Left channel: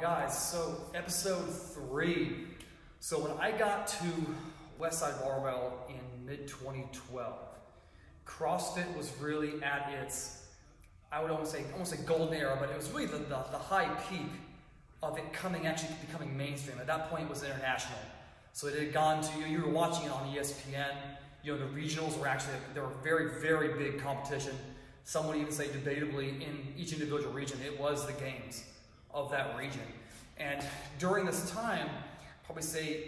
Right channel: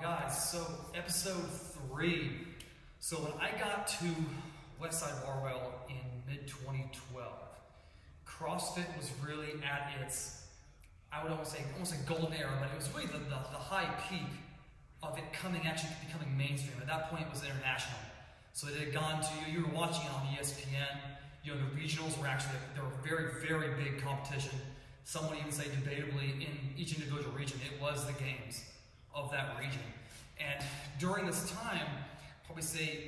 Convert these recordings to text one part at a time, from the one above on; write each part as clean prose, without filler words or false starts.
Guys, so episode 3. So when I got to Westside Barbell in mid-2012, CrossFit was really at its, I would almost say golden era, but it was really the high peak of it becoming mainstream. At that point, it was international. So it had gone to, you were watching it on ESPN, the regionals were actually, they were very, very big competition. Some would even say debatably in each individual region, it was the games of that region. And during this time, probably say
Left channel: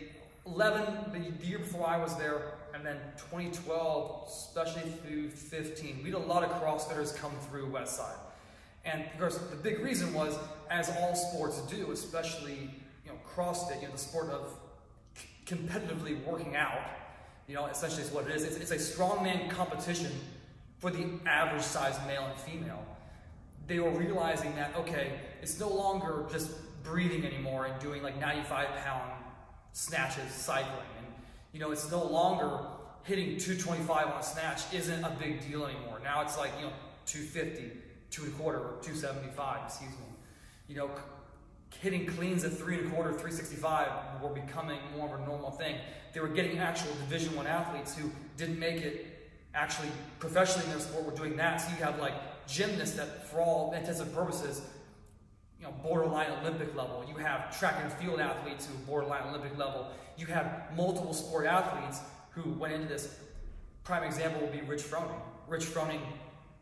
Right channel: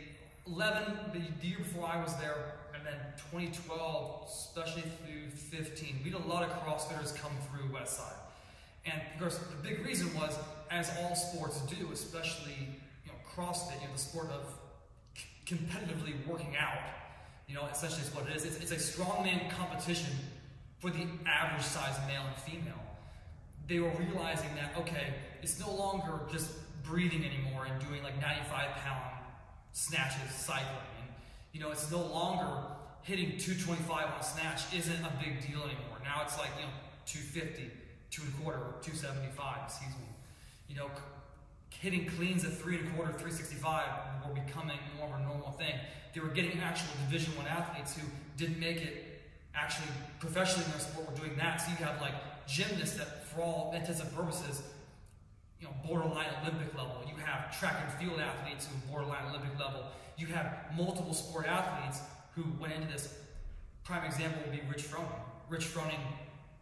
11, the year before I was there, and then 2012, especially through 15, we had a lot of CrossFitters come through Westside. And of course, the big reason was, as all sports do, especially CrossFit, the sport of competitively working out, essentially is what it is. It's a strongman competition for the average size male and female. They were realizing that, okay, it's no longer just breathing anymore and doing like 95-pound snatches, cycling. And, it's no longer hitting 225 on a snatch isn't a big deal anymore. Now it's like, 250, 2 1/4, or 275, excuse me. Hitting cleans at 3 1/4, 365 were becoming more of a normal thing. They were getting actual Division I athletes who didn't make it actually professionally in their sport were doing that. So you have like gymnasts that, for all intents and purposes, borderline Olympic level. You have track and field athletes who are borderline Olympic level. You have multiple sport athletes who went into this. Prime example would be Rich Froning. Rich Froning,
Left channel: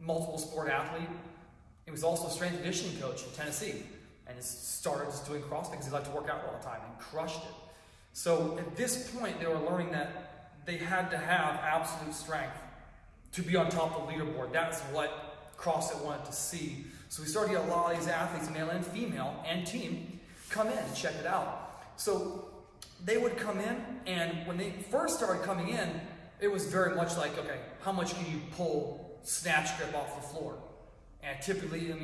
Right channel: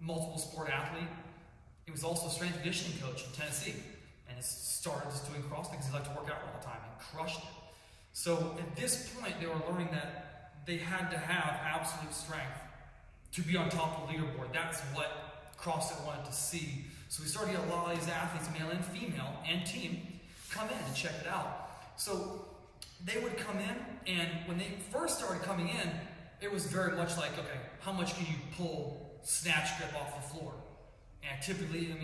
multiple sport athlete. He was also a strength and conditioning coach in Tennessee. And he started just doing CrossFit because he liked to work out all the time and crushed it. So at this point, they were learning that they had to have absolute strength to be on top of the leaderboard. That's what CrossFit wanted to see. So we started to get a lot of these athletes, male and female, and team, come in and check it out. So they would come in, and when they first started coming in, it was very much like, okay, how much can you pull snatch grip off the floor? And typically,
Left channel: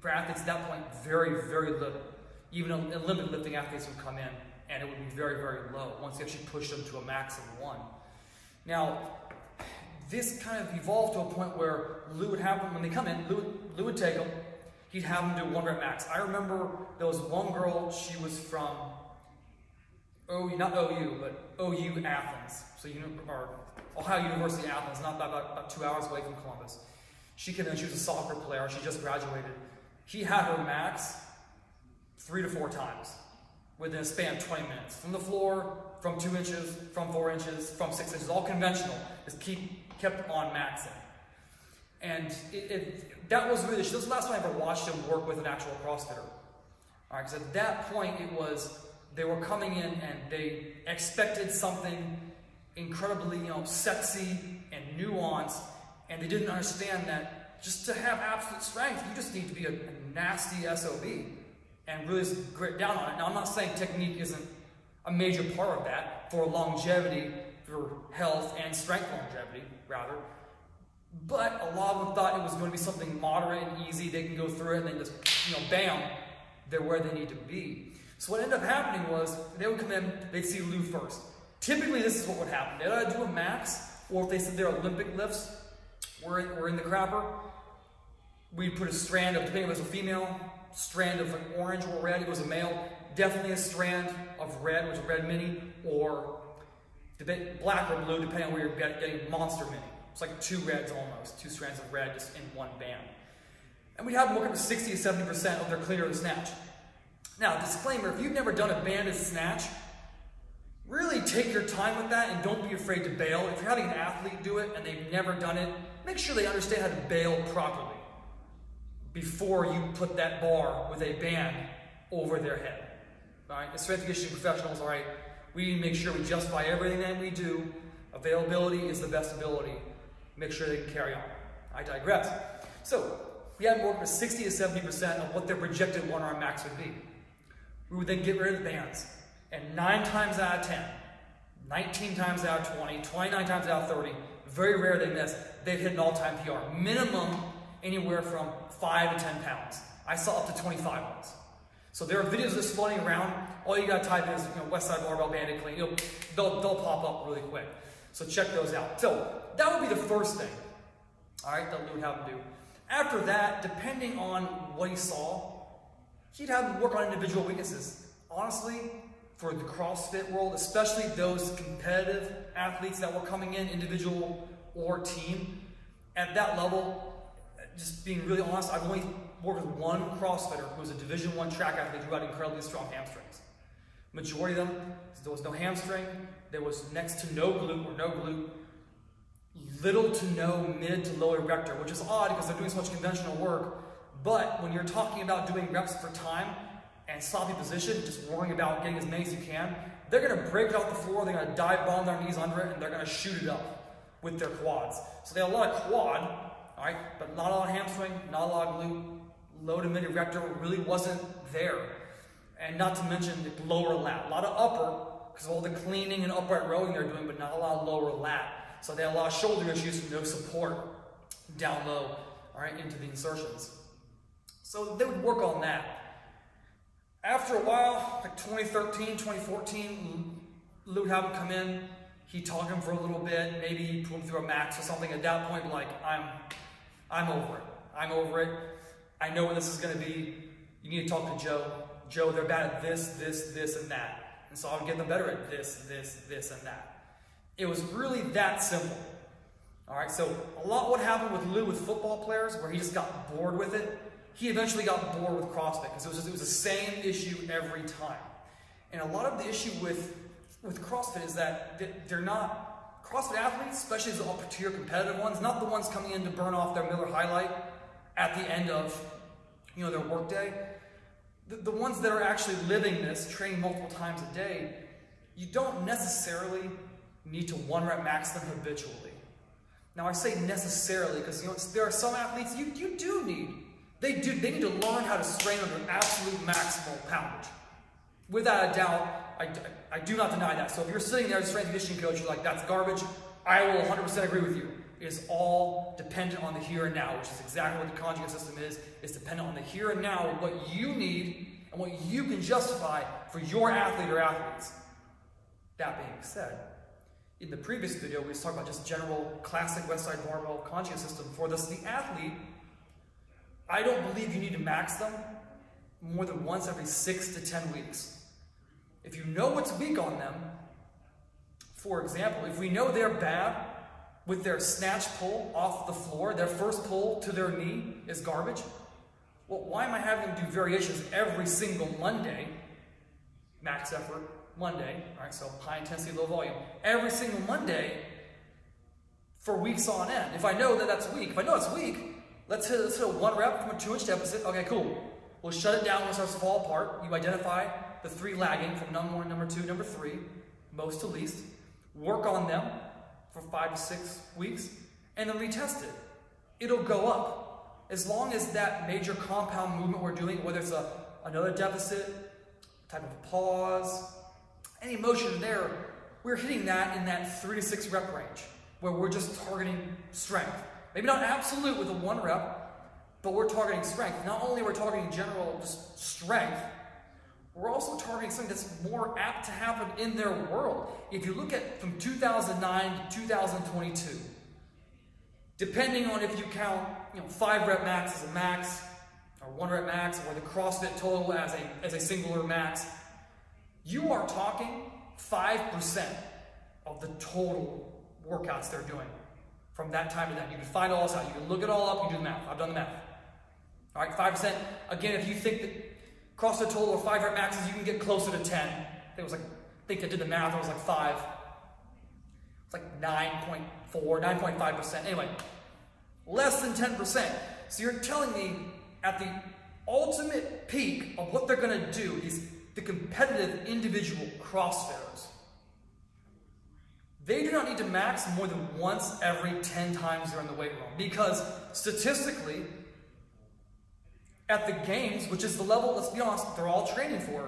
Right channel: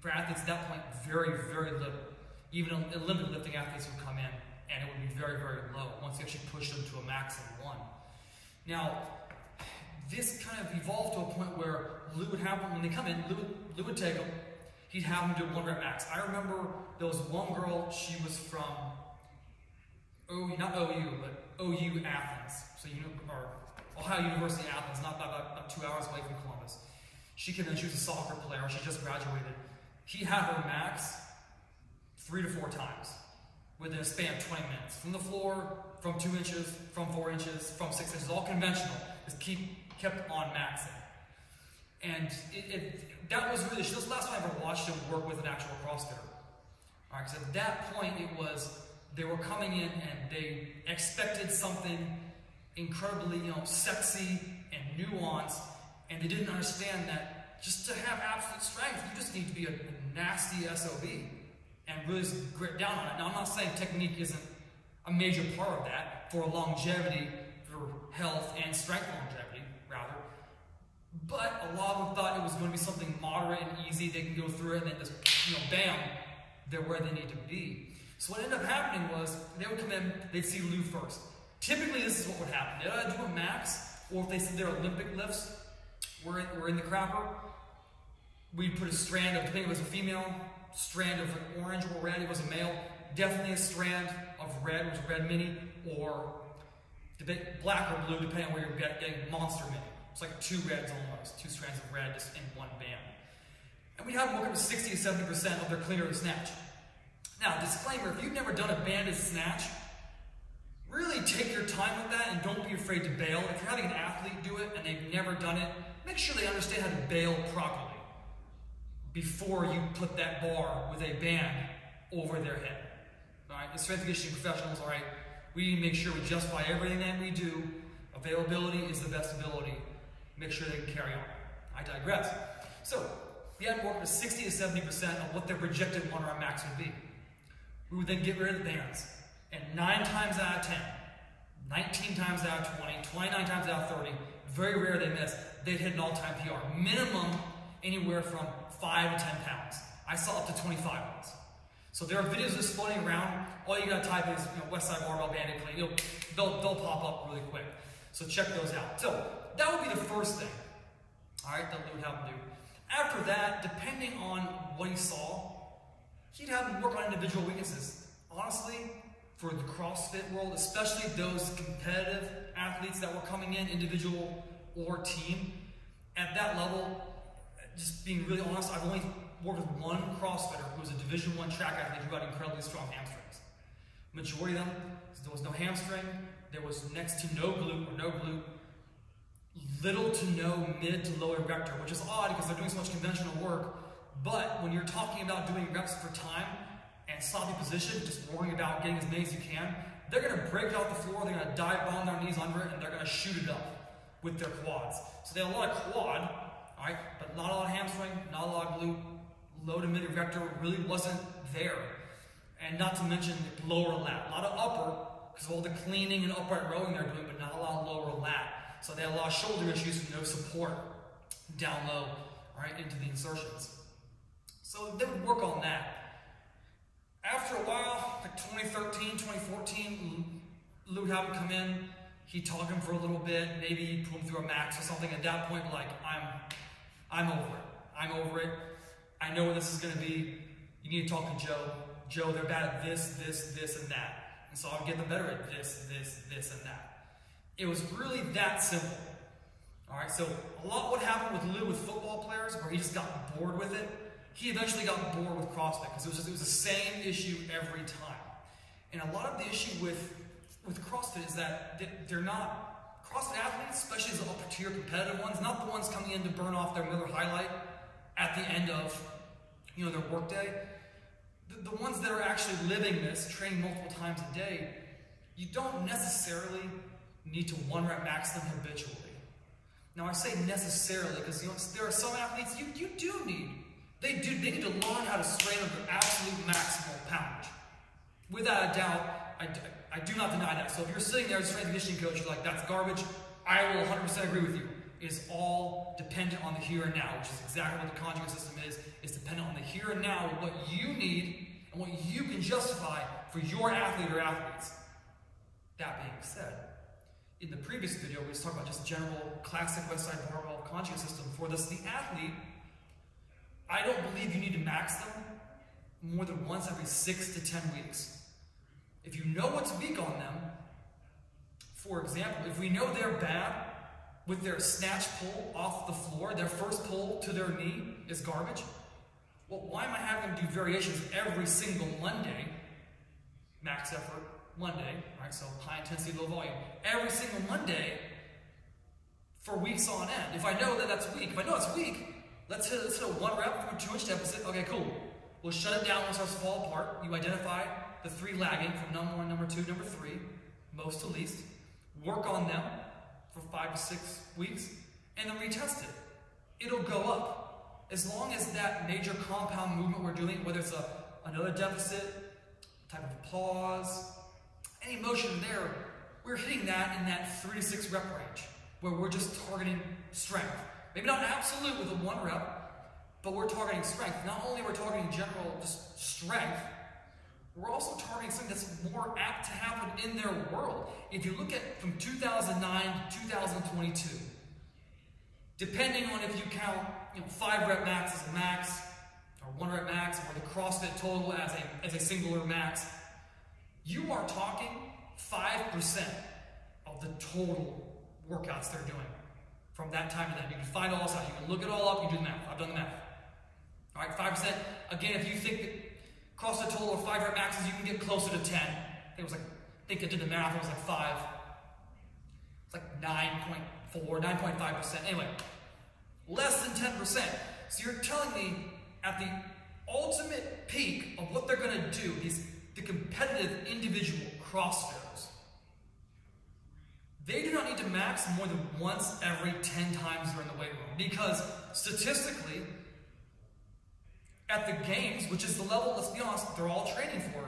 for athletes at that point, very, very little. Even Olympic lifting athletes would come in, and it would be very, very low once you actually push them to a max of 1. Now, this kind of evolved to a point where Lou would have them, when they come in, Lou would take them, he'd have them do 1 rep max. I remember there was one girl, she was from, not OU, but OU Athens. So, or Ohio University Athens, not about 2 hours away from Columbus. She was a soccer player, she just graduated. He had her max 3 to 4 times within a span of 20 minutes. From the floor, from 2 inches, from 4 inches, from 6 inches, all conventional. Just kept on maxing. And that was really, this was the last time I ever watched him work with an actual CrossFitter. All right, because at that point it was, they were coming in and they expected something incredibly, sexy and nuanced, and they didn't understand that just to have absolute strength, you just need to be a nasty SOB and really grit down on it. Now, I'm not saying technique isn't a major part of that for longevity, for health and strength longevity, rather. But a lot of them thought it was going to be something moderate and easy. They can go through it and then just, bam, they're where they need to be. So what ended up happening was they would come in, they'd see Lou first. Typically, this is what would happen. They'd either do a max, or if they said their Olympic lifts were in the crapper, we'd put a strand of, depending if it was a female, strand of like orange or red. If it was a male, definitely a strand of red, which is a red mini, or black or blue, depending on where you're getting monster mini. It's like 2 reds almost, 2 strands of red just in 1 band. And we'd have them work up to 60 to 70% of their cleaner and snatch. Now, disclaimer, if you've never done a banded snatch, really take your time with that and don't be afraid to bail. If you're having an athlete do it and they've never done it, make sure they understand how to bail properly before you put that bar with a band over their head. All right, as strength and conditioning professionals, all right, we need to make sure we justify everything that we do. Availability is the best ability. Make sure they can carry on. I digress. So, we had to work with 60 to 70% of what their projected 1-arm max would be. We would then get rid of the bands. And 9 times out of 10, 19 times out of 20, 29 times out of 30, very rare they missed, they'd hit an all-time PR. Minimum anywhere from 5 to 10 pounds. I saw up to 25 ones. So there are videos just floating around. All you gotta type in is Westside Barbell Banded Clean. They'll pop up really quick. So check those out. So that would be the first thing, all right, that Lou would have him do. After that, depending on what he saw, he'd have them work on individual weaknesses. Honestly, for the CrossFit world, especially those competitive athletes that were coming in, individual or team, at that level, just being really honest, I've only worked with one CrossFitter who was a Division I track athlete who had incredibly strong hamstrings. Majority of them, there was no hamstring, there was next to no glute or no glute, little to no mid to low erector, which is odd because they're doing so much conventional work. But when you're talking about doing reps per time and sloppy position, just worrying about getting as many as you can, they're going to break it off the floor, they're going to dive bomb their knees under it, and they're going to shoot it up with their quads. So they have a lot of quad, all right, but not a lot of hamstring, not a lot of glute, low to mid erector really wasn't there. And not to mention the lower lat. A lot of upper, because of all the cleaning and upright rowing they're doing, but not a lot of lower lat. So they had a lot of shoulder issues and no support down low, all right, into the insertions. So they would work on that. After a while, like 2013, 2014, Lou would have him come in. He'd talk to him for a little bit. Maybe he'd put him through a max or something. At that point, like, I'm over it. I'm over it. I know what this is going to be. You need to talk to Joe. Joe, they're bad at this, this, and that. And so I would get them better at this, and that. It was really that simple. All right, so a lot what happened with Lou with football players, where he just got bored with it. He eventually got bored with CrossFit because it was the same issue every time. And a lot of the issue with CrossFit is that they're not, CrossFit athletes, especially the upper tier competitive ones, not the ones coming in to burn off their Miller High Light at the end of, you know, their workday. The ones that are actually living this, training multiple times a day, you don't necessarily need to one rep max them habitually. Now I say necessarily because, you know, there are some athletes you do need. They need to learn how to strain under absolute maximal poundage. Without a doubt, I do not deny that. So if you're sitting there as a strength and conditioning coach, you're like, that's garbage, I will 100% agree with you. It is all dependent on the here and now, which is exactly what the conjugate system is. It's dependent on the here and now, what you need and what you can justify for your athlete or athletes. That being said, in the previous video, we was talking about just general classic Westside Barbell Conjugate System. For the athlete, I don't believe you need to max them more than once every 6 to 10 weeks. If you know what's weak on them, for example, if we know they're bad with their snatch pull off the floor, their first pull to their knee is garbage, well, why am I having them do variations every single Monday, max effort Monday, all right, so high intensity, low volume, every single Monday for weeks on end? If I know that that's weak, if I know it's weak, let's hit a 1 rep from a 2-inch deficit. Okay, cool. We'll shut it down when it starts to fall apart. You identify the 3 lagging from number 1, number 2, number 3, most to least. Work on them for 5 to 6 weeks, and then retest it. It'll go up. As long as that major compound movement we're doing, whether it's another deficit, type of a pause, any motion there, we're hitting that in that 3 to 6 rep range, where we're just targeting strength. Maybe not absolute with a 1 rep, but we're targeting strength. Not only are we targeting general just strength, we're also targeting something that's more apt to happen in their world. If you look at from 2009 to 2022, depending on if you count 5 rep max as a max, or 1 rep max, or the CrossFit total as a singular max, you are talking 5% of the total workouts they're doing from that time to then. You can find all this out. You can look it all up. You do the math. I've done the math. All right, 5%. Again, if you think that CrossFit total or 5 rep maxes, you can get closer to 10. I think I did the math. It was like 5. It's like 9.4, 9.5%. Anyway, less than 10%. So you're telling me at the ultimate peak of what they're going to do, the competitive individual CrossFitters, they do not need to max more than once every 10 times they're in the weight room. Because statistically, at the games, which is the level, let's be honest, they're all training for,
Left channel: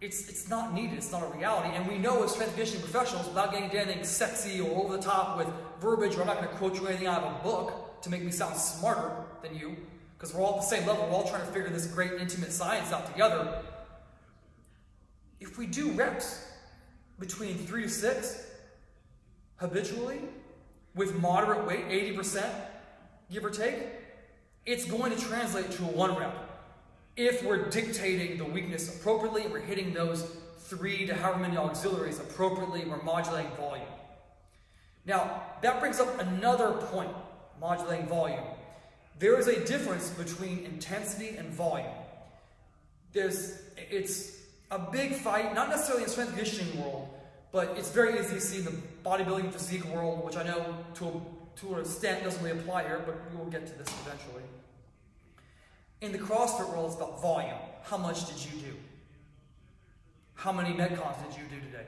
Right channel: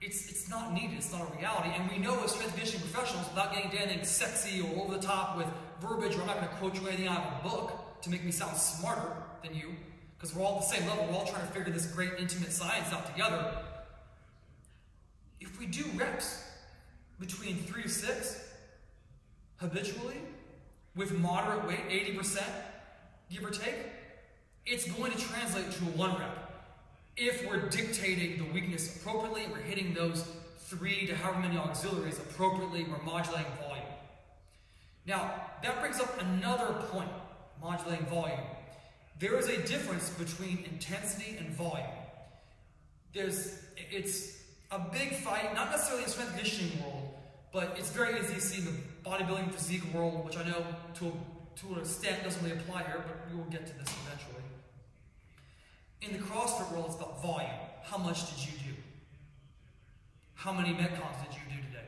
it's not needed, it's not a reality. And we know as strength and conditioning professionals, without getting anything sexy or over the top with verbiage, or I'm not going to quote you anything out of a book to make me sound smarter than you, because we're all at the same level, we're all trying to figure this great intimate science out together. If we do reps between 3 to 6 habitually with moderate weight, 80%, give or take, it's going to translate to a 1 rep. if we're dictating the weakness appropriately and we're hitting those 3 to however many auxiliaries appropriately, we're modulating volume. Now, that brings up another point, modulating volume. There is a difference between intensity and volume. It's a big fight, not necessarily in the strength and conditioning world, but it's very easy to see in the bodybuilding physique world, which I know to an extent doesn't really apply here, but we will get to this eventually. In the CrossFit world, it's about volume. How much did you do? How many Metcons did you do today?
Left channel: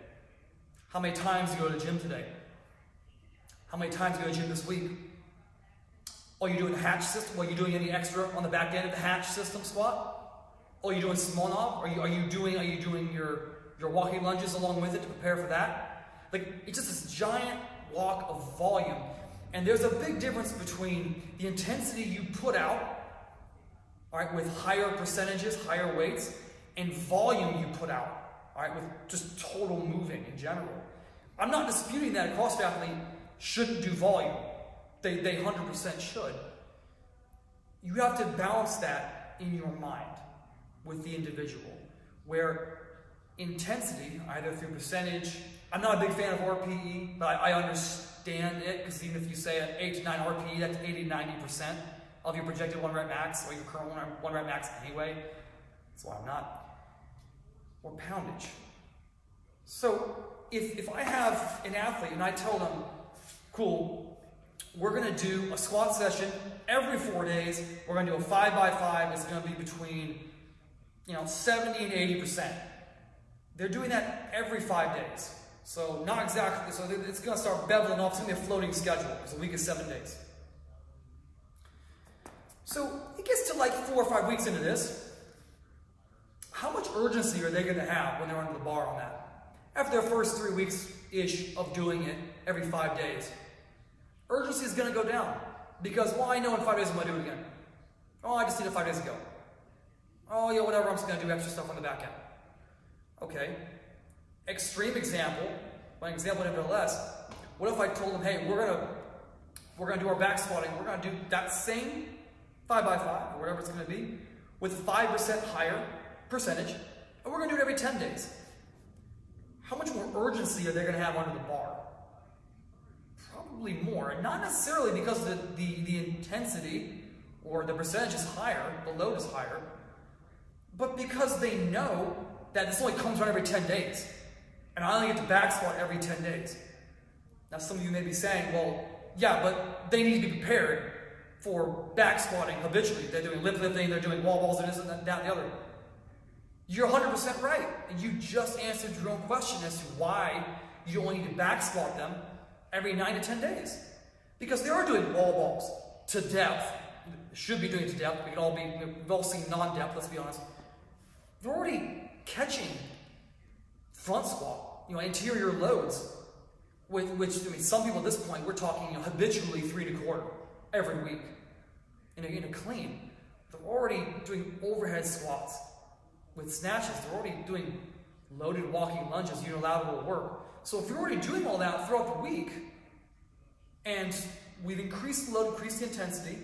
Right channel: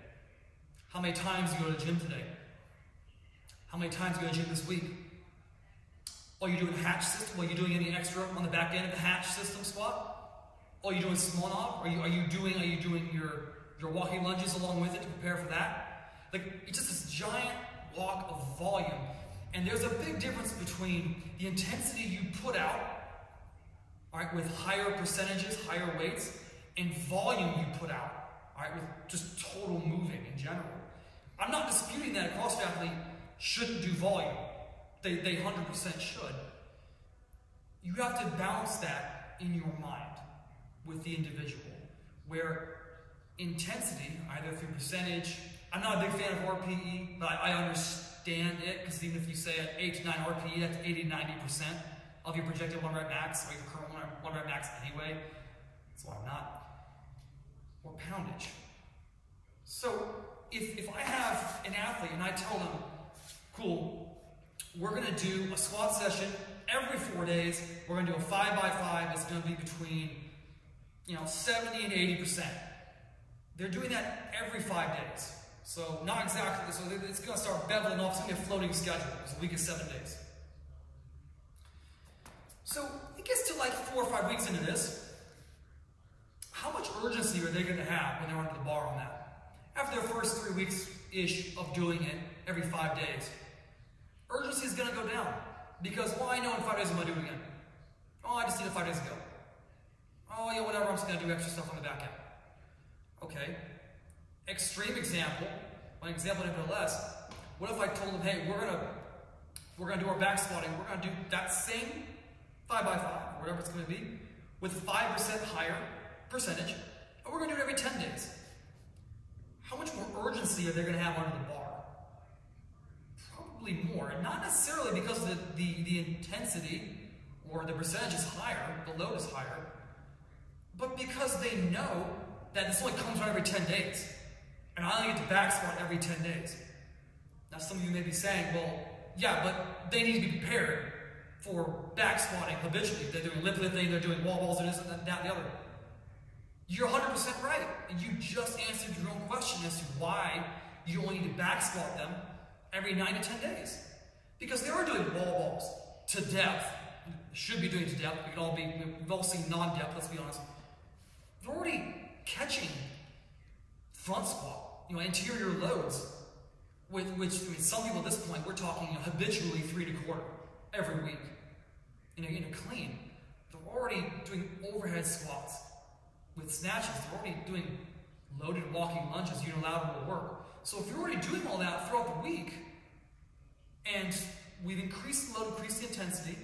How many times did you go to the gym today? How many times did you go to the gym this week? Are you doing the hatch system? Are you doing any extra on the back end of the hatch system squat? Are you doing small knob? Are you doing your walking lunges along with it to prepare for that? Like, it's just this giant walk of volume. And there's a big difference between the intensity you put out, all right, with higher percentages, higher weights, and volume you put out, all right, with just total moving in general. I'm not disputing that a CrossFit athlete shouldn't do volume. They 100% should. You have to balance that in your mind with the individual, where intensity, either through percentage, I'm not a big fan of RPE, but I understand it, because even if you say at 8 to 9 RPE, that's 80 to 90% of your projected 1 rep max, or your current 1 rep max anyway. That's why I'm not. Or poundage. So if I have an athlete and I tell them, cool, we're going to do a squat session every 4 days. We're going to do a 5x5. It's going to be between 70 and 80%. They're doing that every 5 days. So not exactly. So it's going to start beveling off. It's going to be a floating schedule. It's a week of 7 days. So it gets to like 4 or 5 weeks into this. How much urgency are they going to have when they're under the bar on that? After their first 3 weeks-ish of doing it every 5 days, urgency is going to go down. Because, well, I know in 5 days I'm going to do it again. Oh, I just did it 5 days ago. Oh, yeah, whatever, I'm just going to do extra stuff on the back end. Okay. Extreme example, but an example nevertheless. What if I told them, hey, we're going to do our back squatting. We're going to do that same 5x5, or whatever it's going to be, with 5% higher percentage, and we're going to do it every 10 days. How much more urgency are they going to have under the bar? Probably more, and not necessarily because the intensity or the percentage is higher, the load is higher, but because they know that this only comes around every 10 days, and I only get to back squat every 10 days. Now some of you may be saying, well, yeah, but they need to be prepared for back squatting habitually. They're doing lip lifting, they're doing wall balls, and this and that, and the other. You're 100% right, and you just answered your own question as to why you only need to back squat them every 9 to 10 days. Because they are doing wall balls to depth. Should be doing it to depth. We've all seen non-depth, let's be honest. They're already catching front squat, anterior loads, which I mean, some people at this point, we're talking habitually 3 1/4 every week in a clean. They're already doing overhead squats with snatches. They're already doing loaded walking lunges, unilateral work. So if you're already doing all that throughout the week, and we've increased the load, increased the intensity,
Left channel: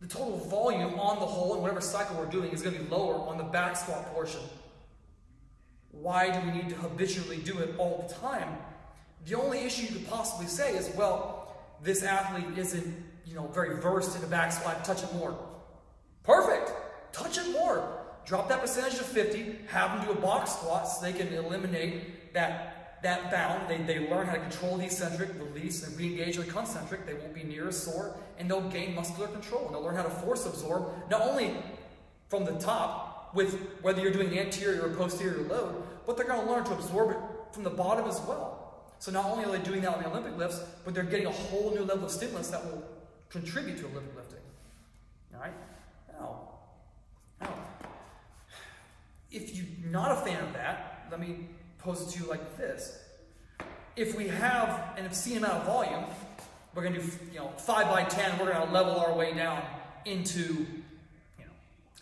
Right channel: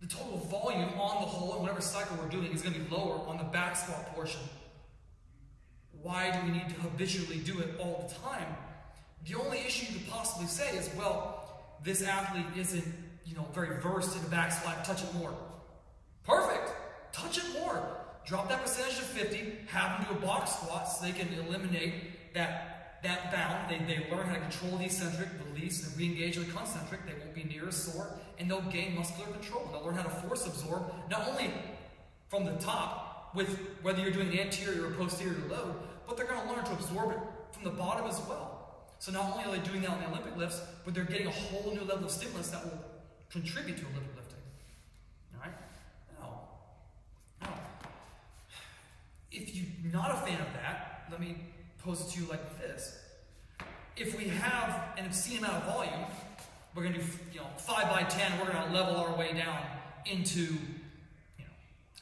the total volume on the whole, and whatever cycle we're doing, is going to be lower on the back squat portion. Why do we need to habitually do it all the time? The only issue you could possibly say is, well, this athlete isn't, very versed in the back squat, touch it more. Perfect! Touch it more. Drop that percentage to 50, have them do a box squat so they can eliminate that bound. They learn how to control the eccentric, release, and re-engage the concentric. They won't be near as sore, and they'll gain muscular control. And they'll learn how to force absorb, not only from the top, with whether you're doing an anterior or posterior load, but they're going to learn to absorb it from the bottom as well. So not only are they doing that on the Olympic lifts, but they're getting a whole new level of stimulus that will contribute to Olympic lifting. All right? Now, if you're not a fan of that, let me pose it to you like this. If we have an obscene amount of volume, we're going to do 5x10, we're going to level our way down into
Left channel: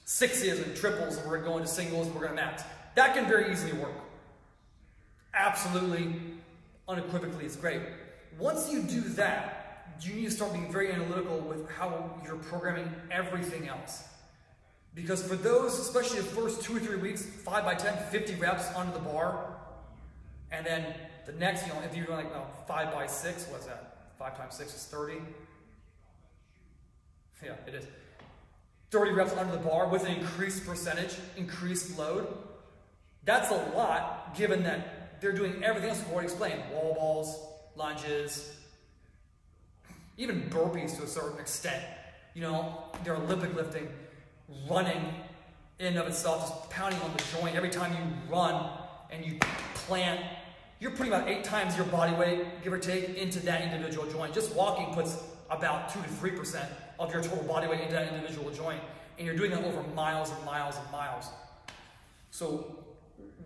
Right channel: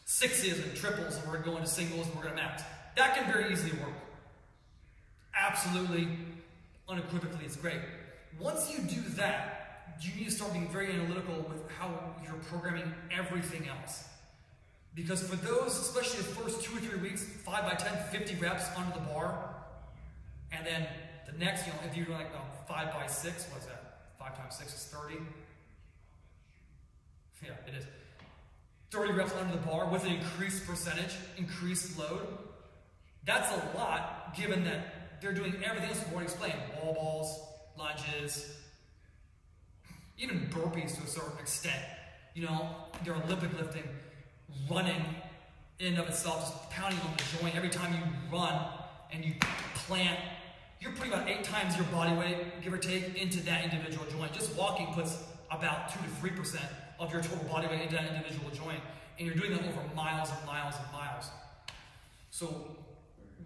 sixes and triples, and we're going to go into singles, and we're going to max. That can very easily work. Absolutely, unequivocally, it's great. Once you do that, you need to start being very analytical with how you're programming everything else. Because for those, especially the first 2 or 3 weeks, 5 by 10, 50 reps under the bar, and then the next, if you're like 5 by 6, what's that? 5 times 6 is 30. Yeah, it is. 30 reps under the bar with an increased percentage, increased load. That's a lot, given that they're doing everything else we've already explained. Wall balls, lunges, even burpees to a certain extent. They're Olympic lifting, running in and of itself, just pounding on the joint. Every time you run and you plant, you're putting about 8 times your body weight, give or take, into that individual joint. Just walking puts about 2 to 3% of your total body weight into that individual joint. And you're doing that over miles and miles and miles. So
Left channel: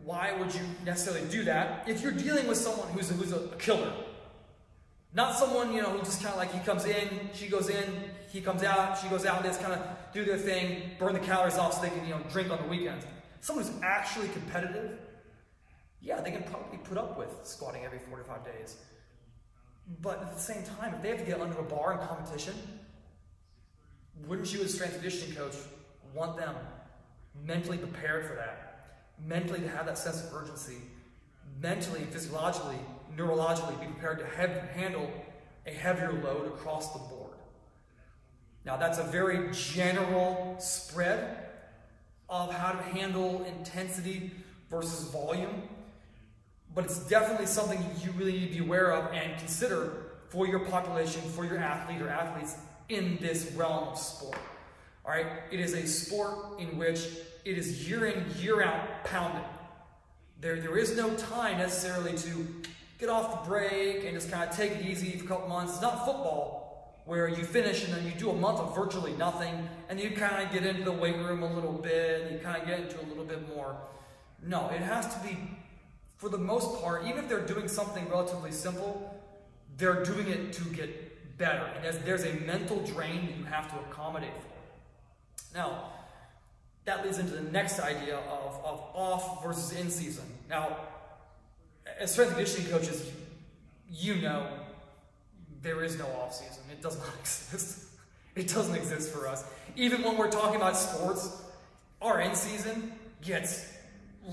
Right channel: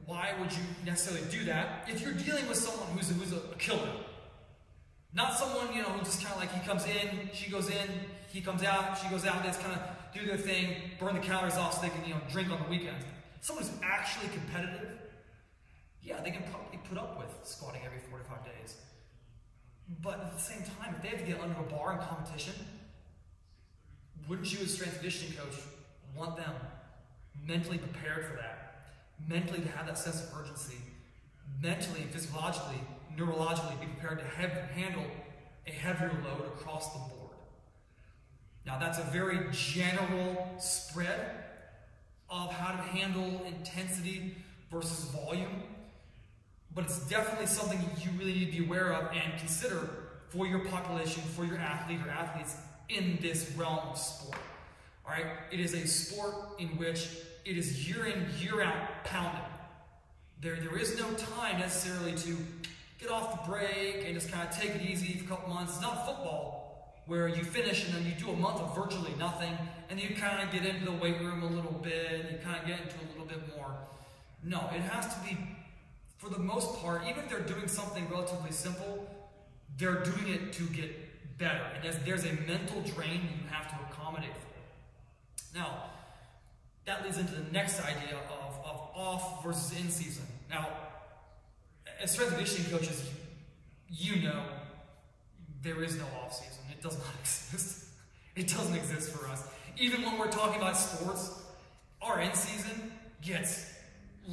why would you necessarily do that if you're dealing with someone who's a killer? Not someone, who just kind of like, he comes in, she goes in, he comes out, she goes out, they just kind of do their thing, burn the calories off so they can, drink on the weekends. Someone who's actually competitive, yeah, they can probably put up with squatting every 45 days. But at the same time, if they have to get under a bar in competition, wouldn't you as a strength and conditioning coach want them mentally prepared for that? Mentally to have that sense of urgency, mentally and physiologically, neurologically be prepared to handle a heavier load across the board. Now that's a very general spread of how to handle intensity versus volume, but it's definitely something you really need to be aware of and consider for your population, for your athlete or athletes in this realm of sport. All right, it is a sport in which it is year in, year out pounding. There is no time necessarily to get off the break and just kind of take it easy for a couple months. It's not football where you finish and then you do a month of virtually nothing and you kind of get into the weight room a little bit and you kind of get into a little bit more. No, it has to be, for the most part, even if they're doing something relatively simple, they're doing it to get better. And there's a mental drain that you have to accommodate for. Now, that leads into the next idea of off versus in season. Now, as strength and conditioning coaches, there is no off season. It does not exist. It doesn't exist for us. Even when we're talking about sports, our in season gets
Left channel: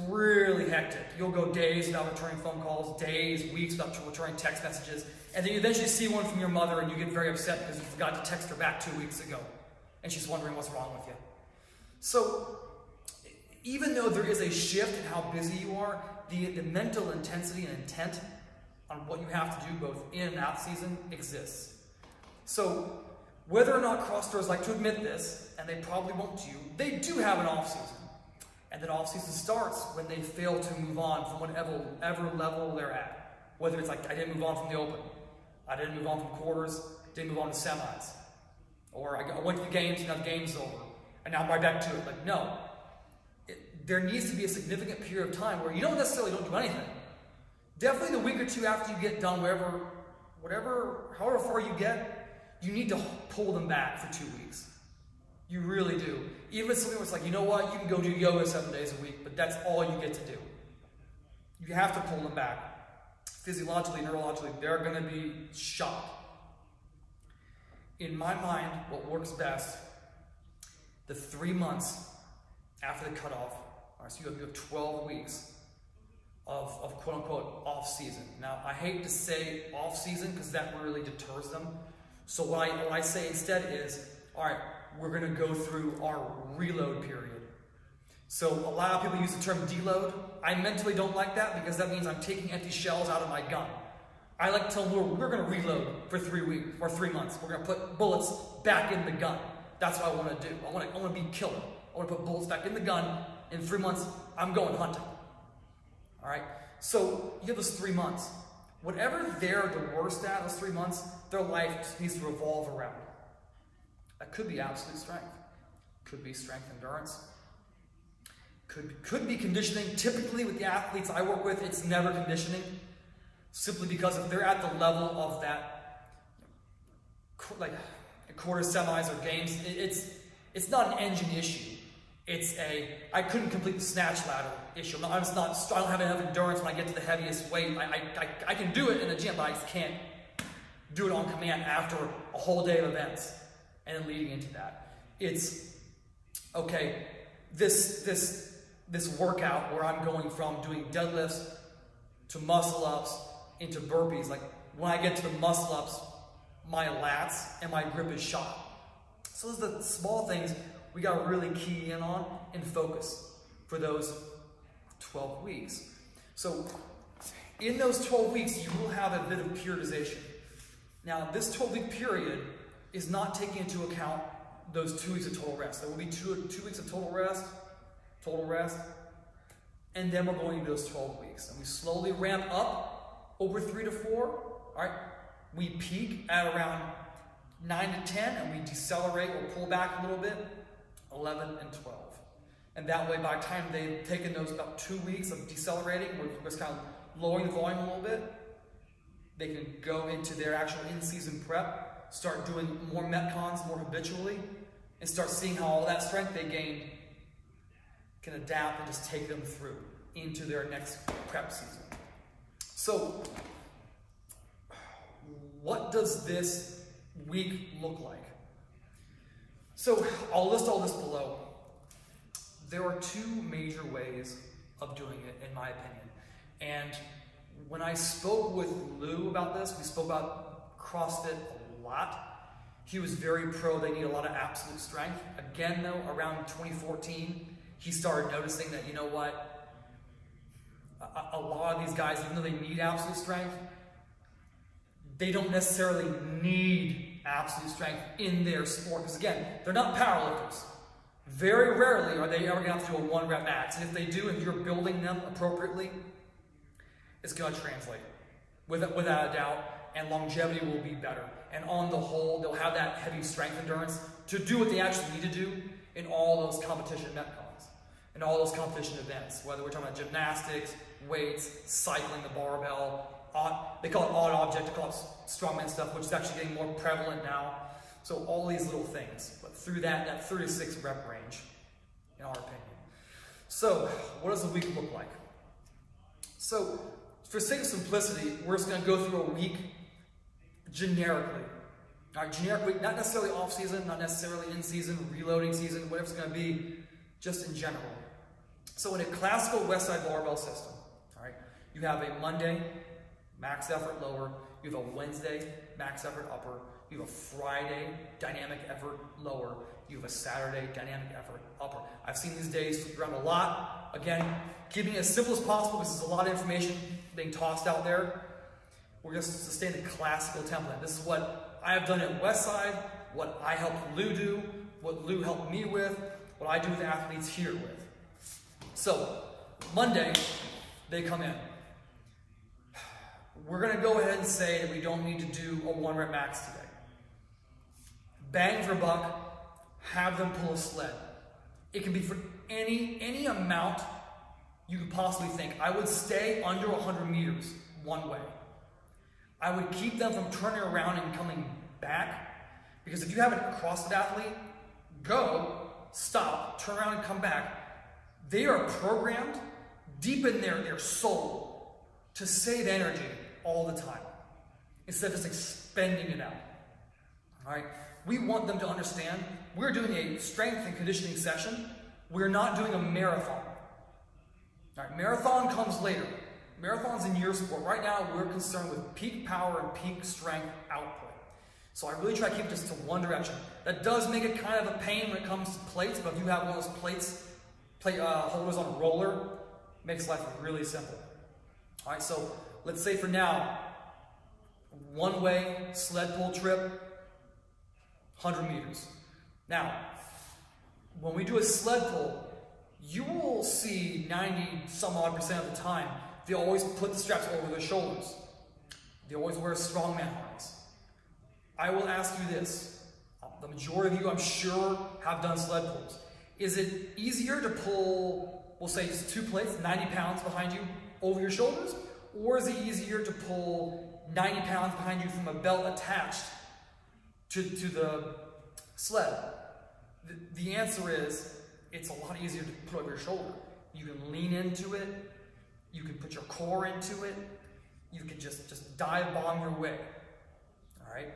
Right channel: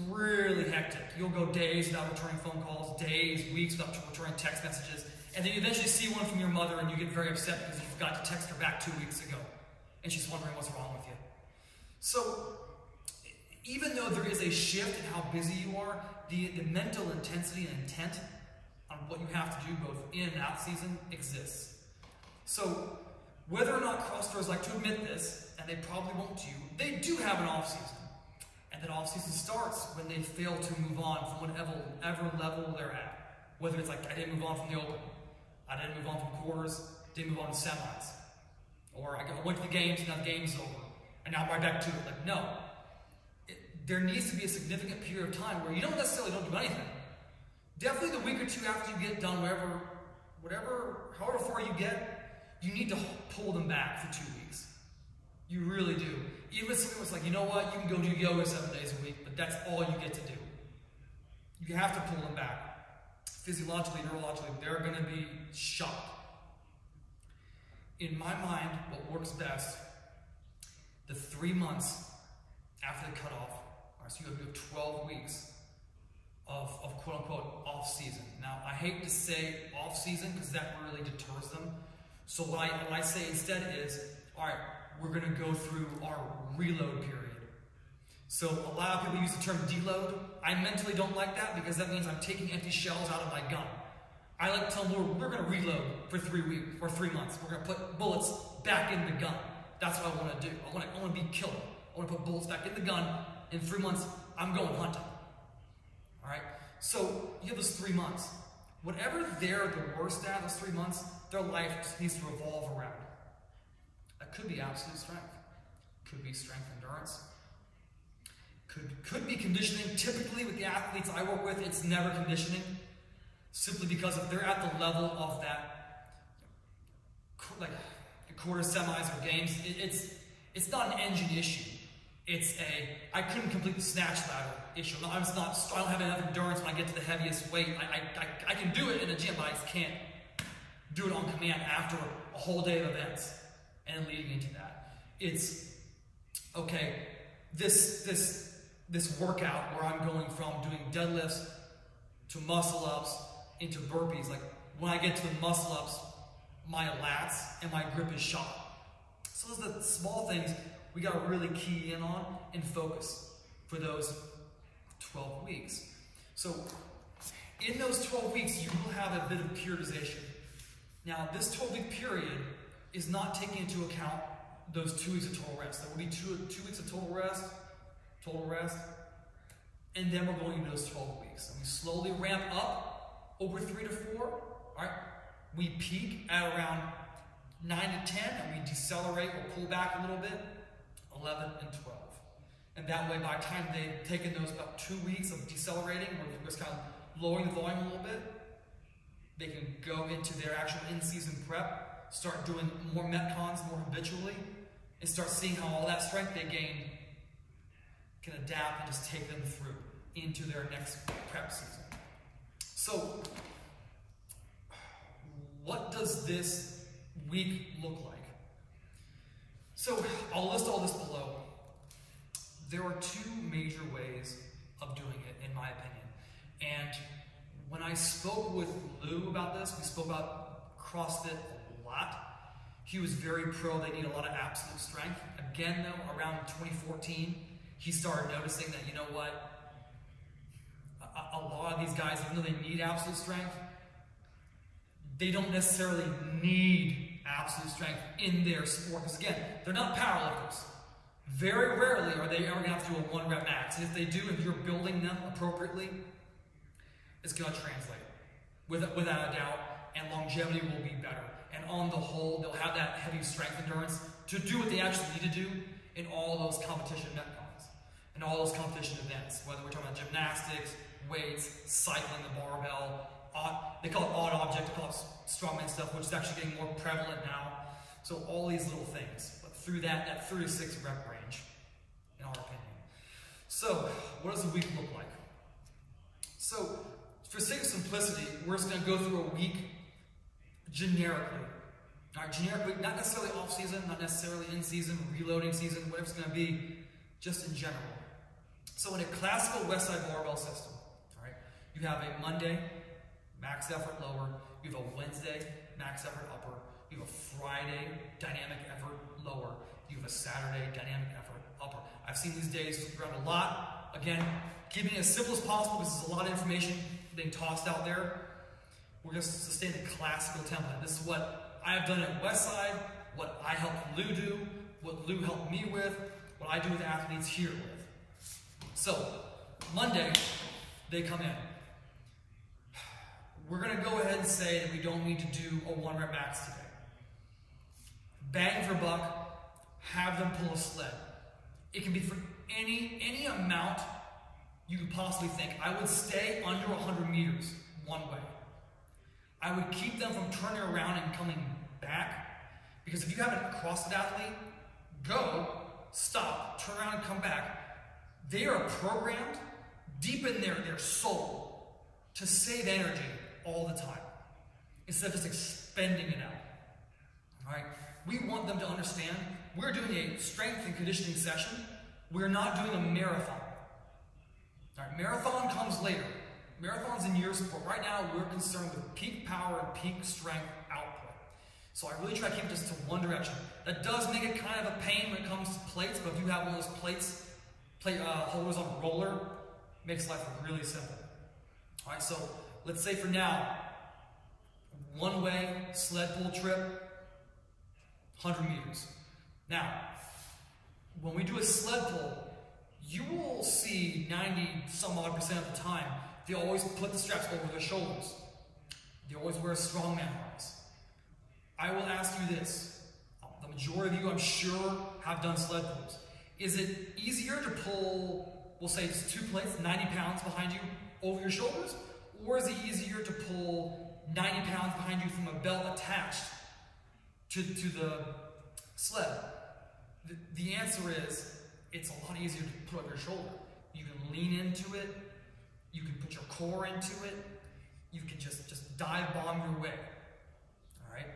really hectic. You'll go days without returning phone calls, days, weeks without returning text messages, and then you eventually see one from your mother and you get very upset because you forgot to text her back 2 weeks ago, and she's wondering what's wrong with you. So, even though there is a shift in how busy you are, the mental intensity and intent on what you have to do both in and out season exists. So, whether or not CrossFitters like to admit this, and they probably won't to you, they do have an off season. And that off season starts when they fail to move on from whatever level they're at. Whether it's like, I didn't move on from the open, I didn't move on from quarters, didn't move on to semis, or I went to the games and now the game's over, and now I'm right back to it. Like, no. There needs to be a significant period of time where you don't necessarily don't do anything. Definitely the week or two after you get done, however far you get, you need to pull them back for 2 weeks. You really do. Even if something was like, you know what, you can go do yoga 7 days a week, but that's all you get to do. You have to pull them back. Physiologically, neurologically, they're going to be shocked. In my mind, what works best, the 3 months after the cutoff, all right, so you have 12 weeks of quote-unquote off-season. Now, I hate to say off-season because that really deters them. So what I say instead is, all right, we're going to go through our reload period. So a lot of people use the term deload. I mentally don't like that because that means I'm taking empty shells out of my gun. I like to tell them we're going to reload for 3 weeks or 3 months. We're going to put bullets back in the gun. That's what I want to do. I want to be killer. I want to put bullets back in the gun. In 3 months, I'm going hunting. All right? So you have those 3 months. Whatever they're the worst at, those 3 months, their life just needs to revolve around. That could be absolute strength. Could be strength endurance. Could be conditioning. Typically with the athletes I work with, it's never conditioning. Simply because if they're at the level of that, like quarter semis or games, it's not an engine issue. It's I couldn't complete the snatch ladder issue. I don't have enough endurance when I get to the heaviest weight. I can do it in the gym, but I just can't do it on command after a whole day of events and leading into that. It's okay, this workout where I'm going from doing deadlifts to muscle ups into burpees, like when I get to the muscle ups, my lats and my grip is shot. So those are the small things we got to really key in on and focus for those 12 weeks. So in those 12 weeks, you will have a bit of periodization. Now, this 12-week period is not taking into account those 2 weeks of total rest. There will be two weeks of total rest, and then we're going into those 12 weeks. And we slowly ramp up over 3 to 4, all right? We peak at around 9 to 10, and we decelerate or pull back a little bit, 11 and 12. And that way, by the time they've taken those about 2 weeks of decelerating, we're just kind of lowering the volume a little bit, they can go into their actual in-season prep, start doing more metcons more habitually, and start seeing how all that strength they gained can adapt and just take them through into their next prep season. So, what does this week look like? So, I'll list all this below. There are 2 major ways of doing it, in my opinion. And when I spoke with Lou about this, we spoke about CrossFit a lot. He was very pro, they need a lot of absolute strength. Again, though, around 2014, he started noticing that, you know what, a lot of these guys, even though they need absolute strength, they don't necessarily need absolute strength in their sport. Because again, they're not powerlifters. Very rarely are they ever going to have to do a 1 rep max. And if they do, if you're building them appropriately, it's going to translate without a doubt, and longevity will be better. And on the whole, they'll have that heavy strength endurance to do what they actually need to do in all those competition metcons, in all those competition events, whether we're talking about gymnastics, weights, cycling the barbell, they call it odd object, they call it strongman stuff, which is actually getting more prevalent now. So all these little things, but through that 36 rep range, in our opinion. So what does the week look like? So for sake of simplicity, we're just going to go through a week generically. All right, generically, not necessarily off season, not necessarily in season, reloading season, whatever it's going to be, just in general. So in a classical Westside Barbell system, all right, you have a Monday, max effort lower, you have a Wednesday, max effort upper, you have a Friday, dynamic effort lower, you have a Saturday, dynamic effort upper. I've seen these days around a lot. Again, keeping it as simple as possible because there's a lot of information being tossed out there. We're going to sustain a classical template. This is what I have done at Westside, what I helped Lou do, what Lou helped me with, what I do with athletes here with. So, Monday, they come in. We're going to go ahead and say that we don't need to do a 1 rep max today. Bang for buck, have them pull a sled. It can be for any amount you could possibly think. I would stay under 100 meters one way. I would keep them from turning around and coming back, because if you have a CrossFit athlete, go, stop, turn around and come back. They are programmed deep in their soul to save energy all the time, instead of just expending it out. All right? We want them to understand we're doing a strength and conditioning session. We're not doing a marathon. All right, marathon comes later. Marathon's in your sport. Right now, we're concerned with peak power and peak strength output. So I really try to keep this to one direction. That does make it kind of a pain when it comes to plates, but if you have one of those plate holders on a roller, it makes life really simple. All right, so let's say for now, one-way sled pull trip, 100 meters. Now, when we do a sled pull, you will see 90-some-odd% of the time, they always put the straps over their shoulders. They always wear strongman harness. I will ask you this. The majority of you, I'm sure, have done sled pulls. Is it easier to pull, we'll say it's 2 plates, 90 pounds behind you, over your shoulders? Or is it easier to pull 90 pounds behind you from a belt attached to the sled? The answer is, it's a lot easier to put over your shoulder. You can lean into it. You can put your core into it. You can just dive bomb your way. All right?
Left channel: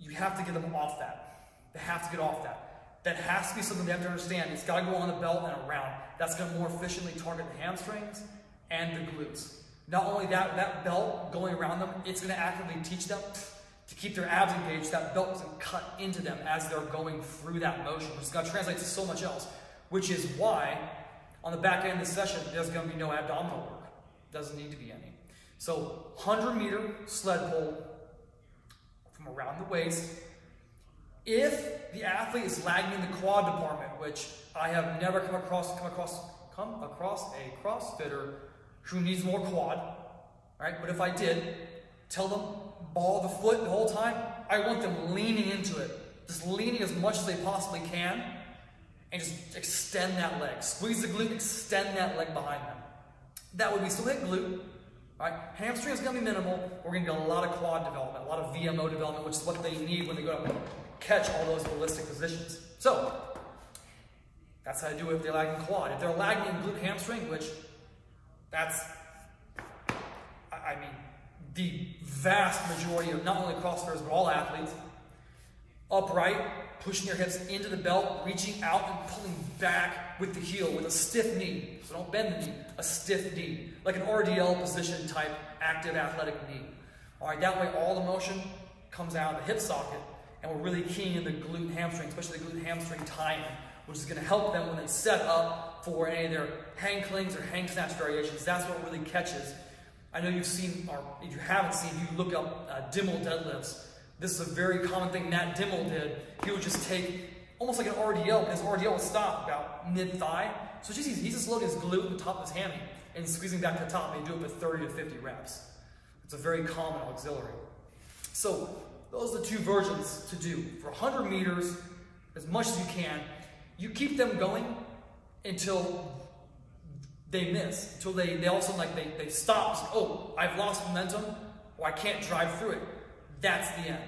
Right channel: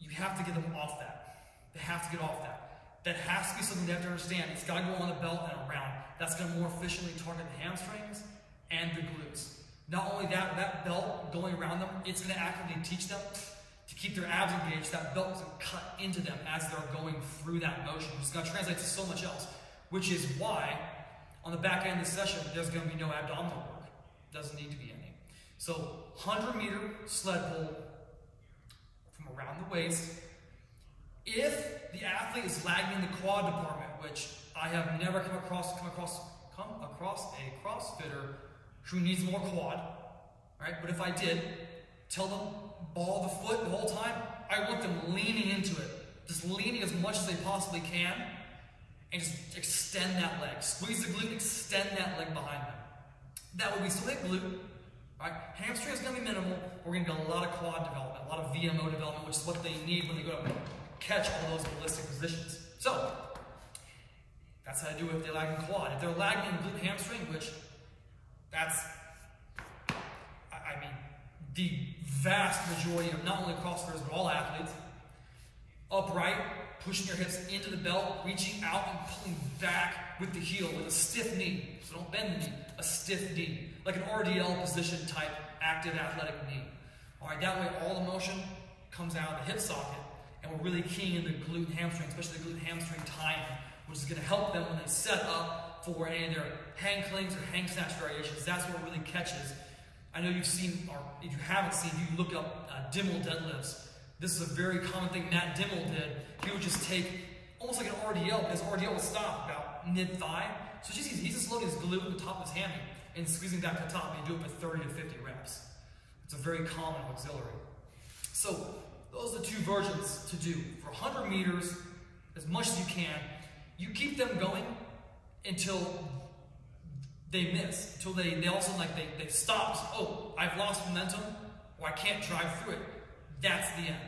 You have to get them off that. They have to get off that. that has to be something they have to understand. It's got to go on the belt and around. That's going to more efficiently target the hamstrings and the glutes. Not only that, that belt going around them, it's going to actively teach them to keep their abs engaged. That belt doesn't cut into them as they're going through that motion. It's going to translate to so much else, which is why on the back end of the session, there's going to be no abdominal work. Doesn't need to be any. So 100-meter sled pull from around the waist. If the athlete is lagging in the quad department, which I have never come across a CrossFitter who needs more quad, right? But if I did, tell them ball the foot the whole time. I want them leaning into it, just leaning as much as they possibly can, and just extend that leg. Squeeze the glute, extend that leg behind them. That would be still hit glute, right? Hamstring is going to be minimal. We're going to get a lot of quad development, a lot of VMO development, which is what they need when they go to catch all those ballistic positions. So that's how I do it if they're lagging quad. If they're lagging in glute hamstring, which that's, I mean, the vast majority of not only CrossFitters, but all athletes, upright, pushing your hips into the belt, reaching out and pulling back with the heel with a stiff knee. So don't bend the knee, a stiff knee, like an RDL position type active athletic knee. All right, that way all the motion comes out of the hip socket, and we're really keying in the glute and hamstring, especially the glute and hamstring tie-in, which is going to help them when they set up for any of their hang clings or hang snatch variations. That's what really catches. I know you've seen, or if you haven't seen, if you look up Dimmel deadlifts, this is a very common thing Matt Dimmel did. He would just take almost like an RDL, but his RDL would stop about mid-thigh. So it's just easy. He's just loading his glute in the top of his hammy and squeezing back to the top, and he'd do it for 30 to 50 reps. It's a very common auxiliary. So those are the two versions to do. For 100 meters, as much as you can, you keep them going until they miss, until they also they stop. Oh, I've lost momentum, or I can't drive through it. That's the end.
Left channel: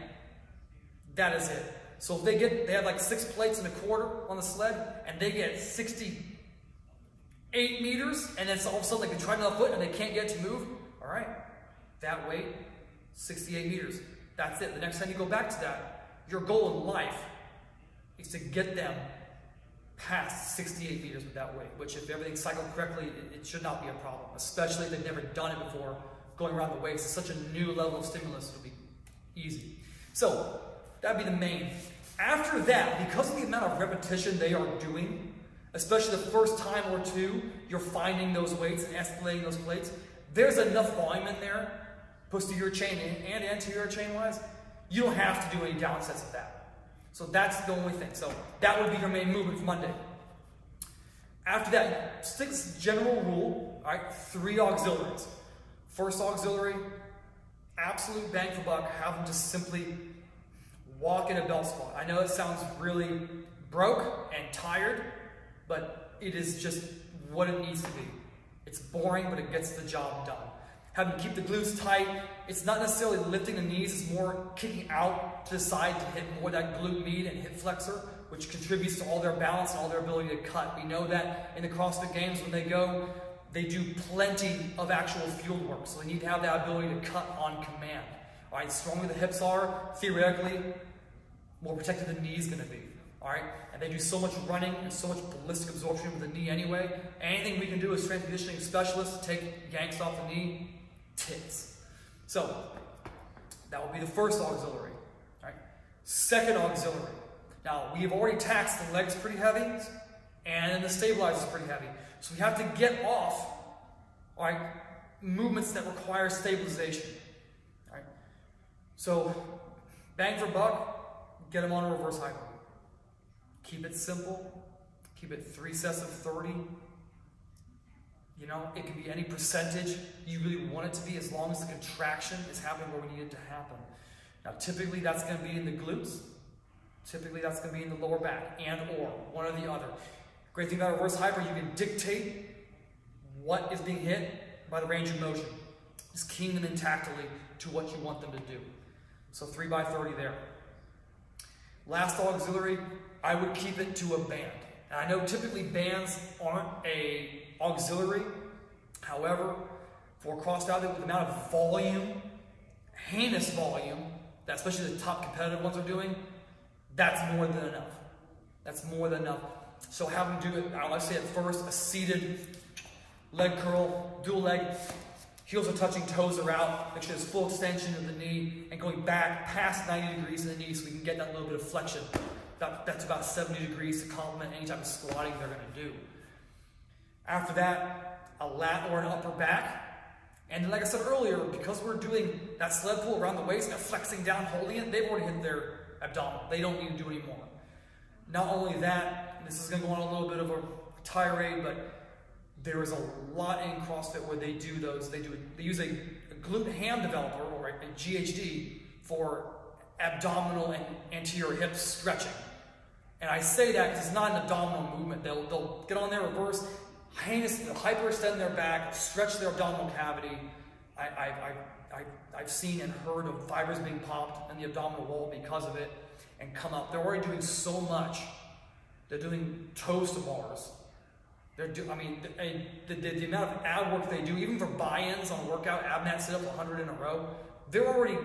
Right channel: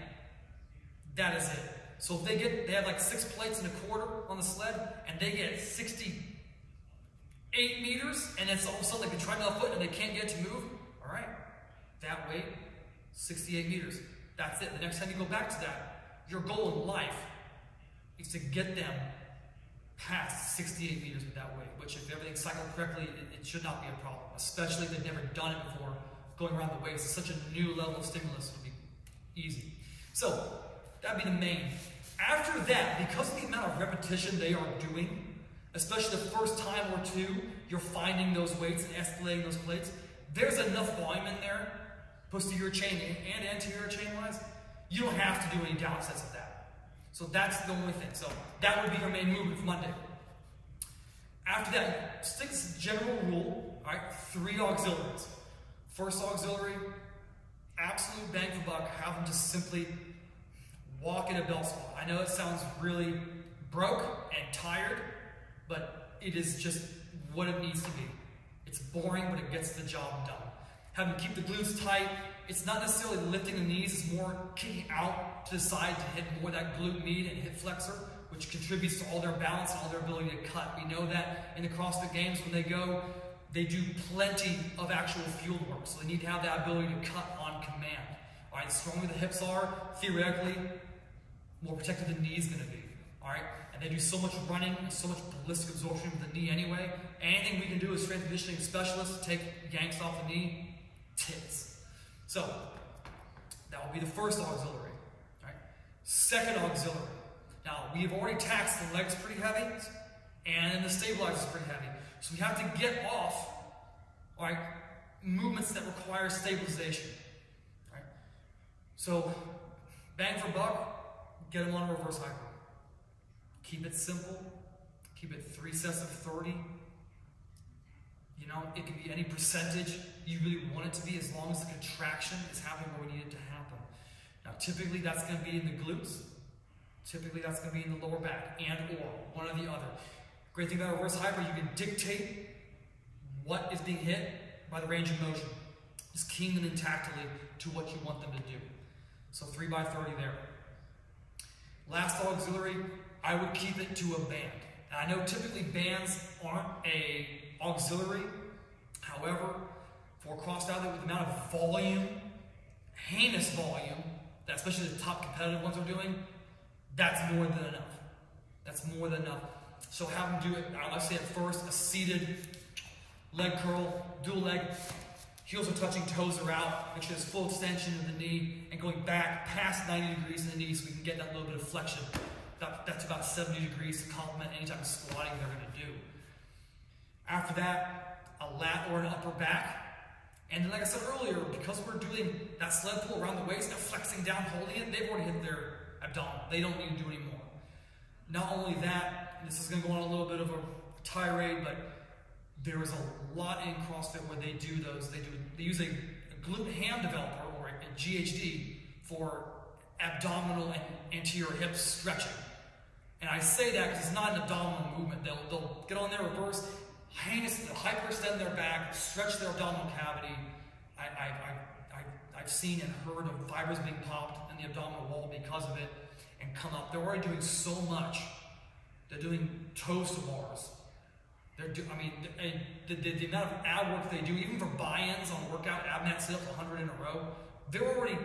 That is it. So if they have like 6 plates and a quarter on the sled, and they get 68 meters, and then all of a sudden they try another foot and they can't get to move, all right, that weight, 68 meters. That's it. The next time you go back to that, your goal in life is to get them past 68 meters with that weight, which if everything's cycled correctly, it should not be a problem, especially if they've never done it before. Going around the waist is such a new level of stimulus, it'll be easy. So that'd be the main. After that, because of the amount of repetition they are doing, especially the first time or two you're finding those weights and escalating those plates, there's enough volume in there, posterior chain and anterior chain wise, you don't have to do any down sets of that. So that's the only thing. So that would be your main movement for Monday. After that, stick this general rule, all right, 3 auxiliaries. First auxiliary, absolute bang for buck, have them just simply walk in a belt squat. I know it sounds really broke and tired, but it is just what it needs to be. It's boring, but it gets the job done. Have them keep the glutes tight. It's not necessarily lifting the knees, it's more kicking out to the side to hit more that glute med and hip flexor, which contributes to all their balance and all their ability to cut. We know that in the CrossFit Games, when they go, they do plenty of actual field work, so they need to have that ability to cut on command. All right, the stronger the hips are, theoretically, more protected the knee is going to be. All right, and they do so much running and so much ballistic absorption with the knee anyway. Anything we can do as strength conditioning specialists to take yanks off the knee, tits. So that would be the first auxiliary. All right, second auxiliary. Now we have already taxed the legs pretty heavy, and the stabilizer is pretty heavy. So we have to get off, all right, movements that require stabilization. All right, so bang for buck. Get them on a reverse hyper. Keep it simple. Keep it 3 sets of 30. You know, it can be any percentage you really want it to be, as long as the contraction is happening where we need it to happen. Now, typically that's going to be in the glutes. Typically that's going to be in the lower back, and or one or the other. Great thing about reverse hyper, you can dictate what is being hit by the range of motion. Just keying them in tactily to what you want them to do. So 3 by 30 there. Last auxiliary, I would keep it to a band. And I know typically bands aren't a auxiliary. However, for CrossFit with the amount of volume, heinous volume, that especially the top competitive ones are doing, that's more than enough. That's more than enough. So have them do it, let's say at first, a seated leg curl, dual leg, heels are touching, toes are out, make sure there's full extension of the knee, and going back past 90 degrees in the knee so we can get that little bit of flexion. That's about 70 degrees to complement any type of squatting they're going to do. After that, a lat or an upper back. And like I said earlier, because we're doing that sled pull around the waist and flexing down, holding it, they've already hit their abdominal. They don't need to do any more. Not only that, this is going to go on a little bit of a tirade, but there is a lot in CrossFit where they do those. They use a glute ham developer or a GHD for abdominal and anterior hip stretching. And I say that because it's not an abdominal movement. They'll get on their reverse, hyperextend their back, stretch their abdominal cavity. I've seen and heard of fibers being popped in the abdominal wall because of it and come up. They're already doing so much. They're doing toes to bars. The amount of ab work they do, even for buy-ins on a workout, ab mat sit-ups 100 in a row, they're already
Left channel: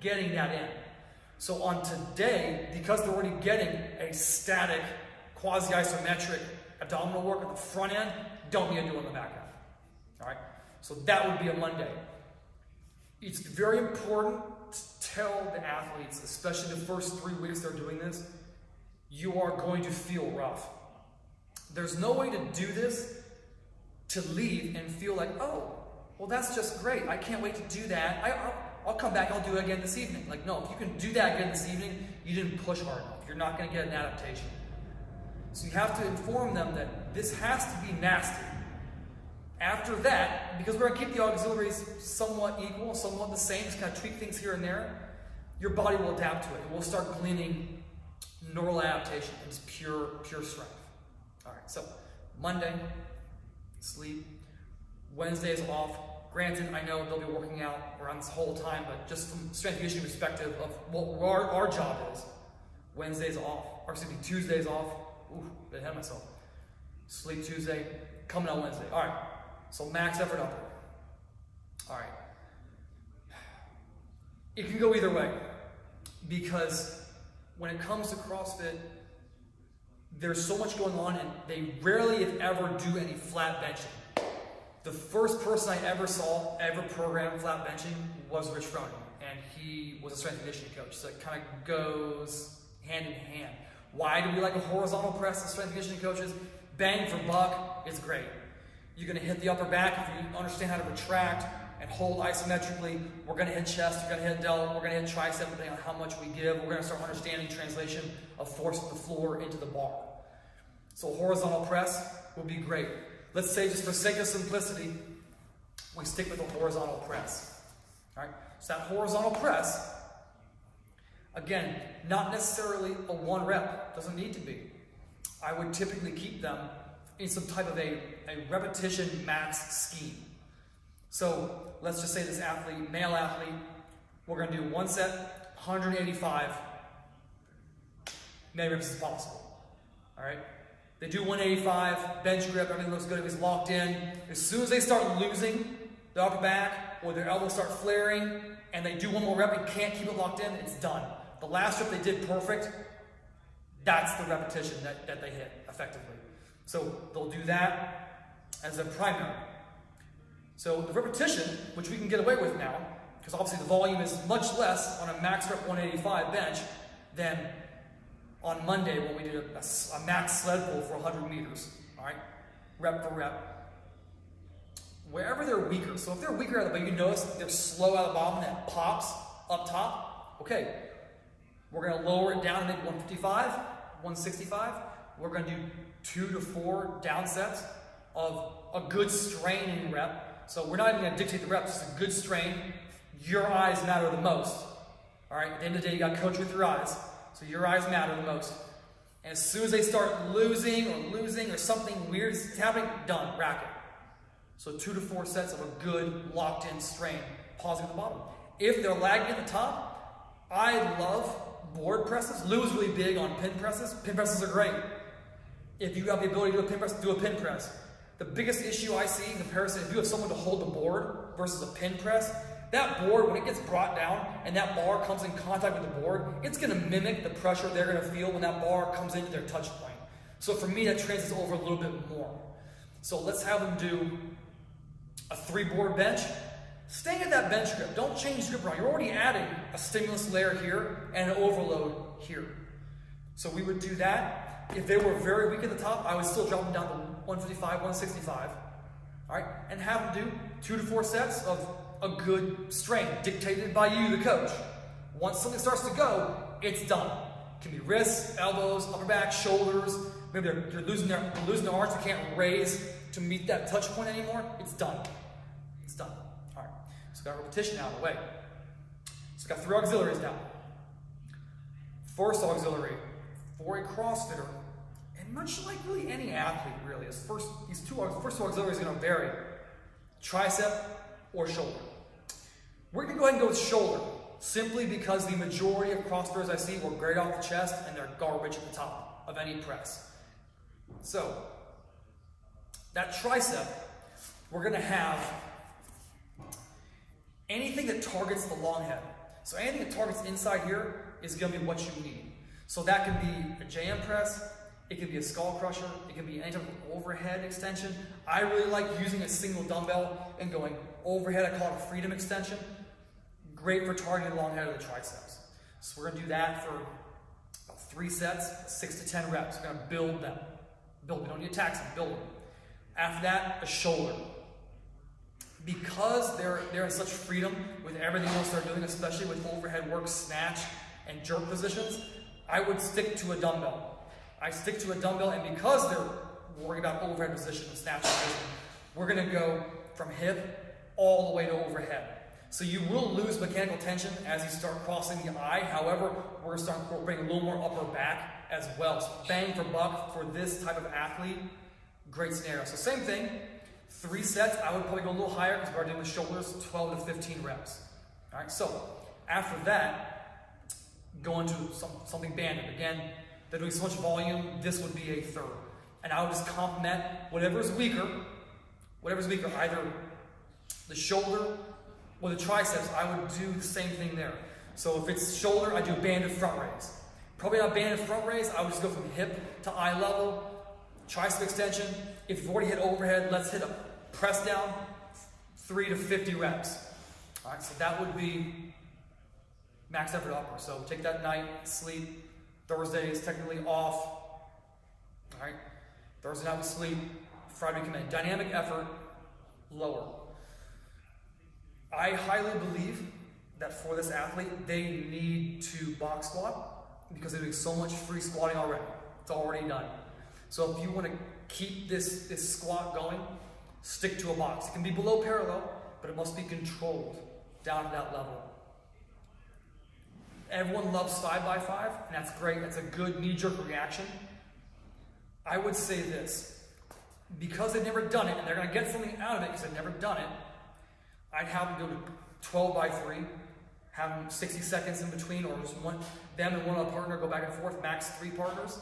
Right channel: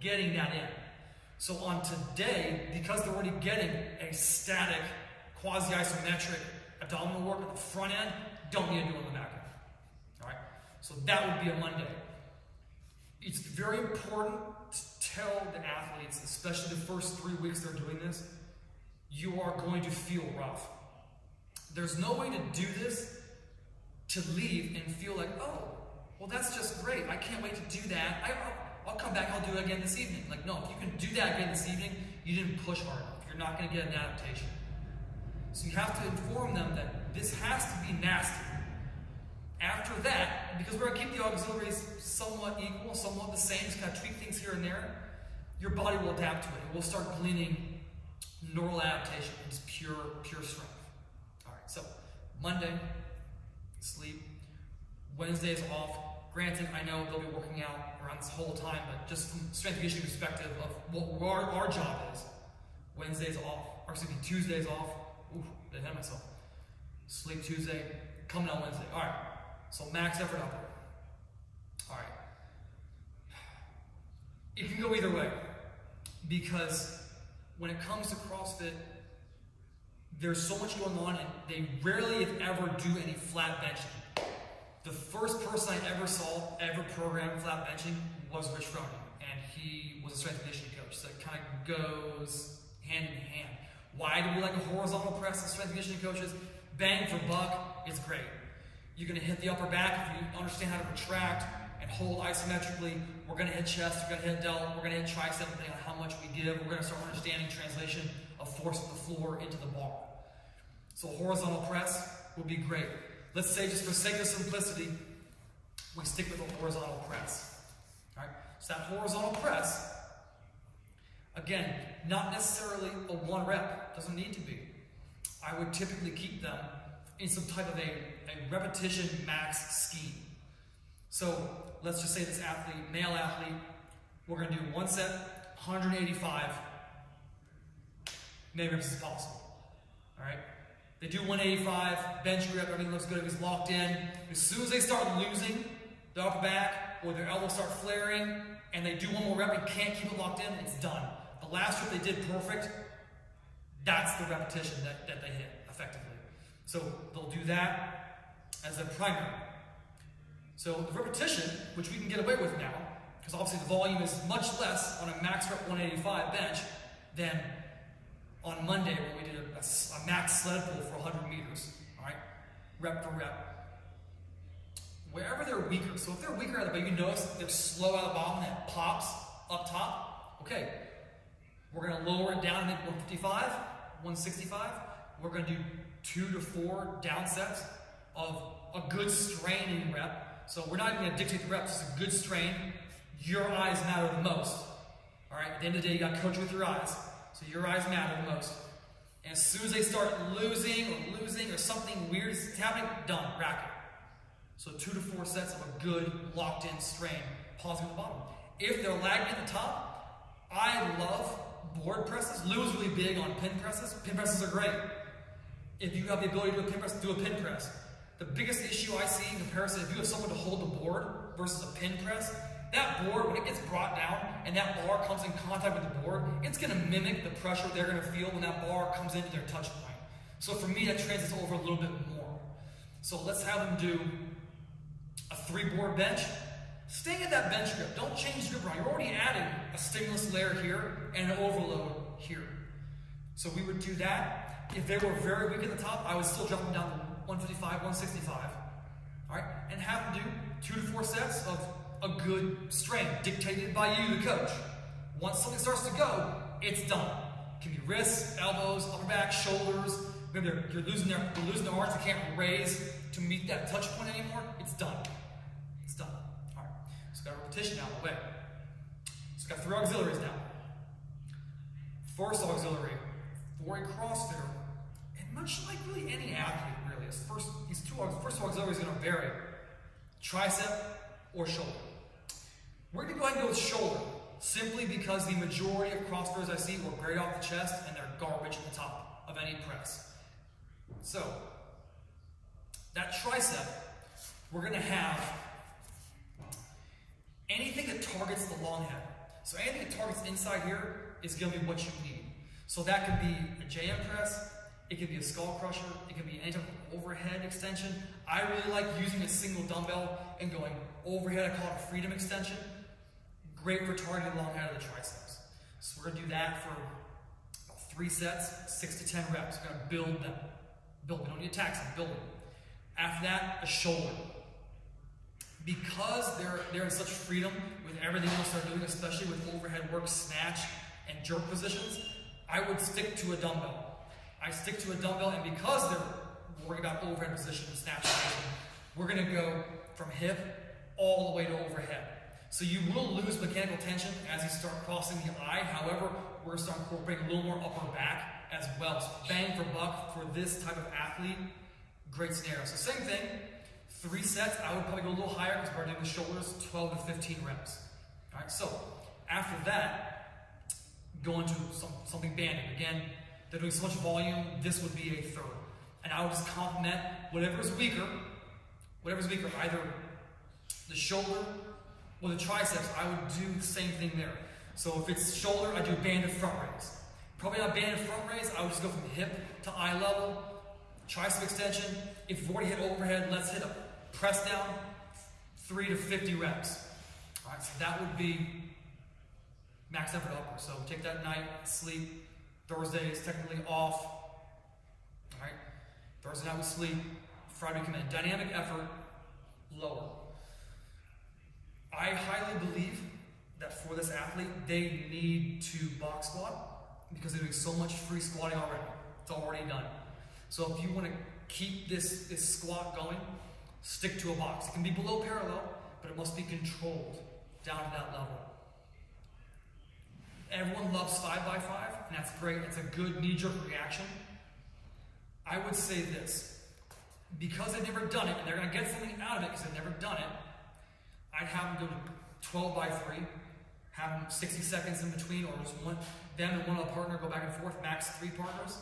getting that in. So on today, because they're already getting a static, quasi-isometric abdominal work on the front end, don't need to do it on the back end. All right? So that would be a Monday. It's very important to tell the athletes, especially the first 3 weeks they're doing this, you are going to feel rough. There's no way to do this to leave and feel like, oh, well, that's just great. I can't wait to do that. I'll come back, I'll do it again this evening. Like, no, if you can do that again this evening, you didn't push hard enough. You're not going to get an adaptation. So you have to inform them that this has to be nasty. After that, because we're going to keep the auxiliaries somewhat equal, somewhat the same, just kind of tweak things here and there, your body will adapt to it. It will start gleaning neural adaptation. It's pure strength. All right, so Monday, sleep. Wednesday is off. Granted, I know they'll be working out around this whole time, but just from strength and conditioning perspective of what our job is, Wednesday's off. Or excuse me, Tuesday's off. Ooh, I had myself. Sleep Tuesday, coming on Wednesday. All right, so max effort upper. All right. It can go either way because when it comes to CrossFit, there's so much going on and they rarely, if ever, do any flat benching. The first person I ever saw ever program flat benching was Rich Froning, and he was a strength and conditioning coach, so it kind of goes hand in hand. Why do we like a horizontal press as strength and conditioning coaches? Bang for buck, it's great. You're going to hit the upper back if you understand how to retract and hold isometrically. We're going to hit chest, we're going to hit delt, we're going to hit tricep, depending on how much we give. We're going to start understanding translation of force of the floor into the bar. So horizontal press would be great. Let's say, just for sake of simplicity, we stick with a horizontal press. All right? So that horizontal press, again, not necessarily a 1 rep. Doesn't need to be. I would typically keep them in some type of a repetition max scheme. So let's just say this athlete, male athlete, we're going to do 1 set, 185, many reps as possible. All right? They do 185, bench grip, everything looks good, everything's locked in. As soon as they start losing the upper back or their elbows start flaring and they do 1 more rep and can't keep it locked in, it's done. The last rep they did perfect, that's the repetition that they hit effectively. So they'll do that as a primary. So the repetition, which we can get away with now, because obviously the volume is much less on a max rep 185 bench than on Monday when we did a max sled pull for 100 meters, all right, rep for rep. Wherever they're weaker, so if they're weaker at the bottom, you notice they're slow at the bottom, that pops up top, okay, we're going to lower it down to maybe 155, 165. We're going to do 2 to 4 down sets of a good straining rep. So we're not even going to dictate the reps, it's a good strain. Your eyes matter the most, all right? At the end of the day, you got to coach with your eyes. So your eyes matter the most. And as soon as they start losing or something weird is happening, done, rack it. So 2 to 4 sets of a good locked in strain, pausing at the bottom. If they're lagging at the top, I love board presses. Louie is really big on pin presses. Pin presses are great. If you have the ability to do a pin press, do a pin press. The biggest issue I see in comparison, if you have someone to hold the board versus a pin press, That board, when it gets brought down and that bar comes in contact with the board, it's going to mimic the pressure they're going to feel when that bar comes into their touch point. So for me, that translates over a little bit more. So let's have them do a 3-board bench. Staying at that bench grip. Don't change grip around. You're already adding a stimulus layer here and an overload here. So we would do that. If they were very weak at the top, I would still drop them down to 155, 165. All right, and have them do 2 to 4 sets of a good strength dictated by you, the coach. Once something starts to go, it's done. It can be wrists, elbows, upper back, shoulders. Maybe they're losing their arms. They can't raise to meet that touch point anymore. It's done. It's done. All right. So got repetition out of the way. So got 3 auxiliaries now. First auxiliary for a CrossFitter, and much like really any athlete, really, these first two auxiliaries are going to vary: tricep or shoulder. We're going to go ahead and go with shoulder, simply because the majority of CrossFitters I see will grade off the chest and they're garbage at the top of any press. So, that tricep, we're going to have anything that targets the long head. So anything that targets inside here is going to be what you need. So that could be a JM press, it could be a skull crusher, it could be any type of overhead extension. I really like using a single dumbbell and going overhead. I call it a freedom extension. Great for targeting the long head of the triceps. So we're going to do that for about 3 sets, 6 to 10 reps. We're going to build them. We don't need to tax them, build them. After that, a shoulder. Because they're in such freedom with everything else they're doing, especially with overhead work, snatch, and jerk positions, I would stick to a dumbbell. I stick to a dumbbell, and because they're worried about overhead position and snatch position, we're going to go from hip all the way to overhead. So you will lose mechanical tension as you start crossing the eye. However, we're going to start incorporating a little more upper back as well. So bang for buck for this type of athlete, great scenario. So same thing, 3 sets. I would probably go a little higher because we're doing the shoulders, 12 to 15 reps. All right, so after that, go into something banded. Again, they're doing so much volume, this would be a third. And I would just complement whatever's weaker, either the shoulder or the triceps. I would do the same thing there. So if it's shoulder, I do banded front raise. Probably not banded front raise, I would just go from hip to eye level, tricep extension. If you've already hit overhead, let's hit a press down, 3 to 50 reps. All right, so that would be max effort upper. So take that night, sleep. Thursday is technically off. All right, Thursday night we sleep. Friday we come in. Dynamic effort, lower. I highly believe that for this athlete, they need to box squat because they're doing so much free squatting already. It's already done. So if you want to keep this squat going, stick to a box. It can be below parallel, but it must be controlled down to that level. Everyone loves 5x5, and that's great. That's a good knee-jerk reaction. I would say this. Because they've never done it, and they're going to get something out of it because they've never done it, I'd have them go to 12x3, have them 60 seconds in between, or just them and one other partner go back and forth, max 3 partners,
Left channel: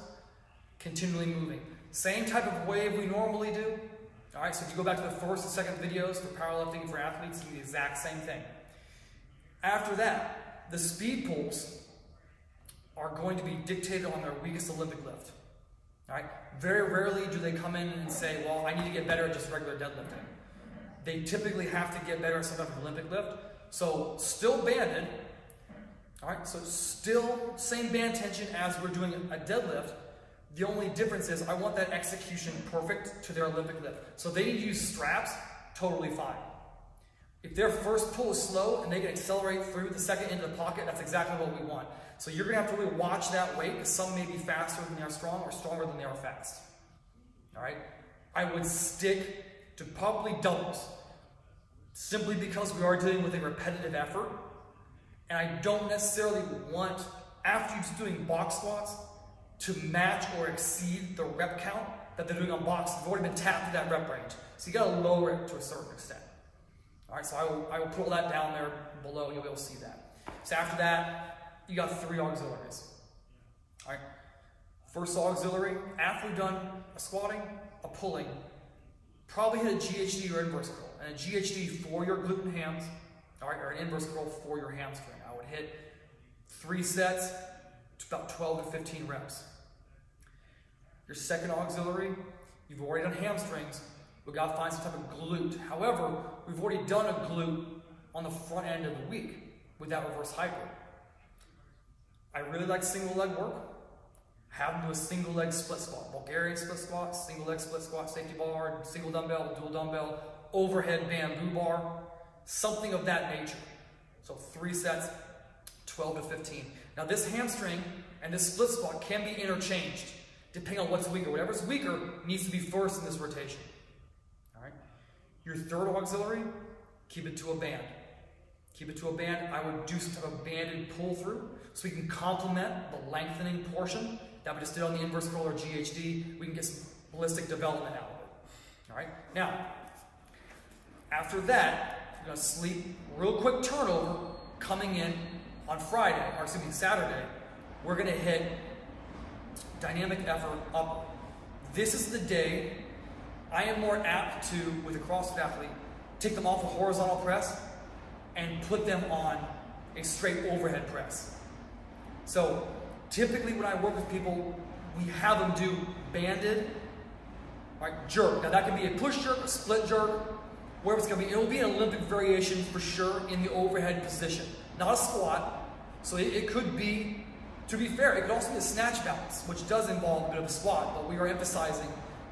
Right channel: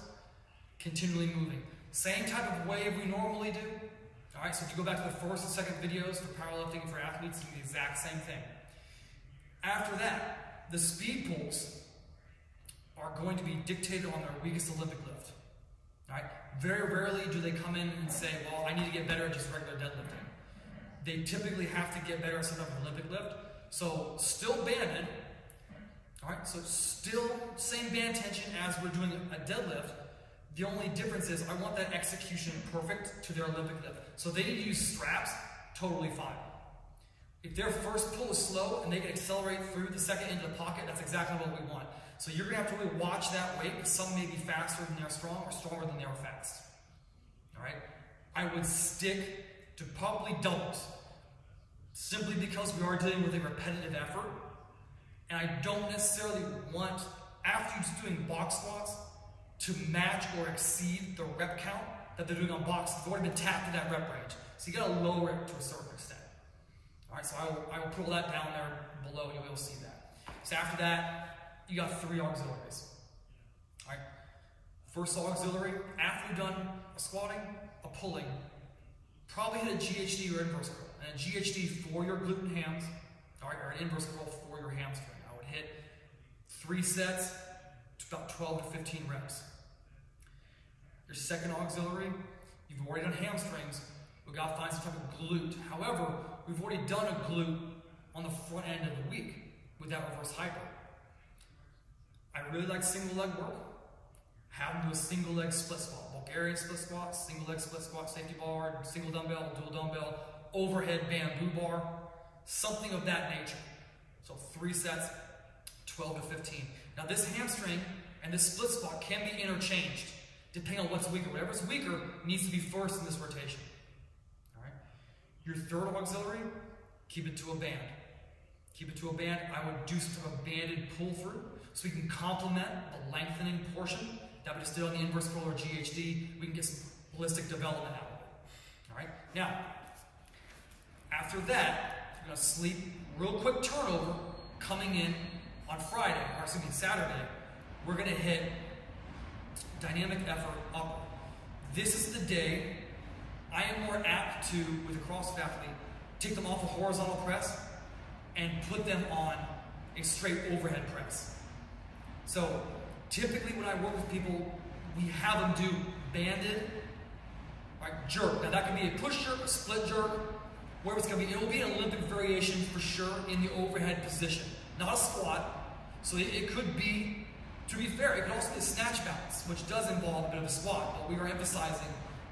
continually moving. Same type of wave we normally do. All right, so if you go back to the first and second videos for powerlifting for athletes, you do the exact same thing. After that, the speed pulls are going to be dictated on their weakest Olympic lift. All right? Very rarely do they come in and say, well, I need to get better at just regular deadlifting. They typically have to get better at some type of Olympic lift. So still banded. All right? So still same band tension as we're doing a deadlift. The only difference is I want that execution perfect to their Olympic lift. So they need to use straps, totally fine. If their first pull is slow and they can accelerate through the second into the pocket, that's exactly what we want. So you're going to have to really watch that weight because some may be faster than they are strong or stronger than they are fast. All right? I would stick to probably doubles simply because we are dealing with a repetitive effort. And I don't necessarily want, after you're doing box squats, to match or exceed the rep count that they're doing on box. You've already been tapped to that rep range. So you got to lower it to a certain extent. All right, so I will put all that down there below. You'll be able to see that. So after that, you got 3 auxiliaries. All right, first auxiliary, after you've done a squatting, a pulling, probably hit a GHD or inverse curl. And a GHD for your glute and hams, all right, or an inverse curl for your hamstring. I would hit 3 sets to about 12 to 15 reps. Your second auxiliary, you've already done hamstrings. We've got to find some type of glute. However, we've already done a glute on the front end of the week with that reverse hyper. I really like single leg work. Have them do a single leg split squat, Bulgarian split squat, single leg split squat, safety bar, single dumbbell, dual dumbbell, overhead bamboo bar, something of that nature. So 3 sets, 12 to 15. Now this hamstring and this split squat can be interchanged depending on what's weaker. Whatever's weaker needs to be first in this rotation. All right. Your third auxiliary, keep it to a band. Keep it to a band. I would do some type of banded pull through so we can complement the lengthening portion that we just did on the inverse curl or GHD. We can get some ballistic development out of it. All right. Now, after that, you're going to sleep. Real quick turnover coming in on Friday, or excuse me, Saturday. We're going to hit dynamic effort upper. This is the day I am more apt to, with a CrossFit athlete, take them off a horizontal press and put them on a straight overhead press. So typically when I work with people, we have them do banded, right, jerk. Now that can be a push jerk, a split jerk, wherever it's going to be. It will be an Olympic variation for sure in the overhead position. Not a squat. So it could be, to be fair, it could also be a snatch balance, which does involve a bit of a squat, but we are emphasizing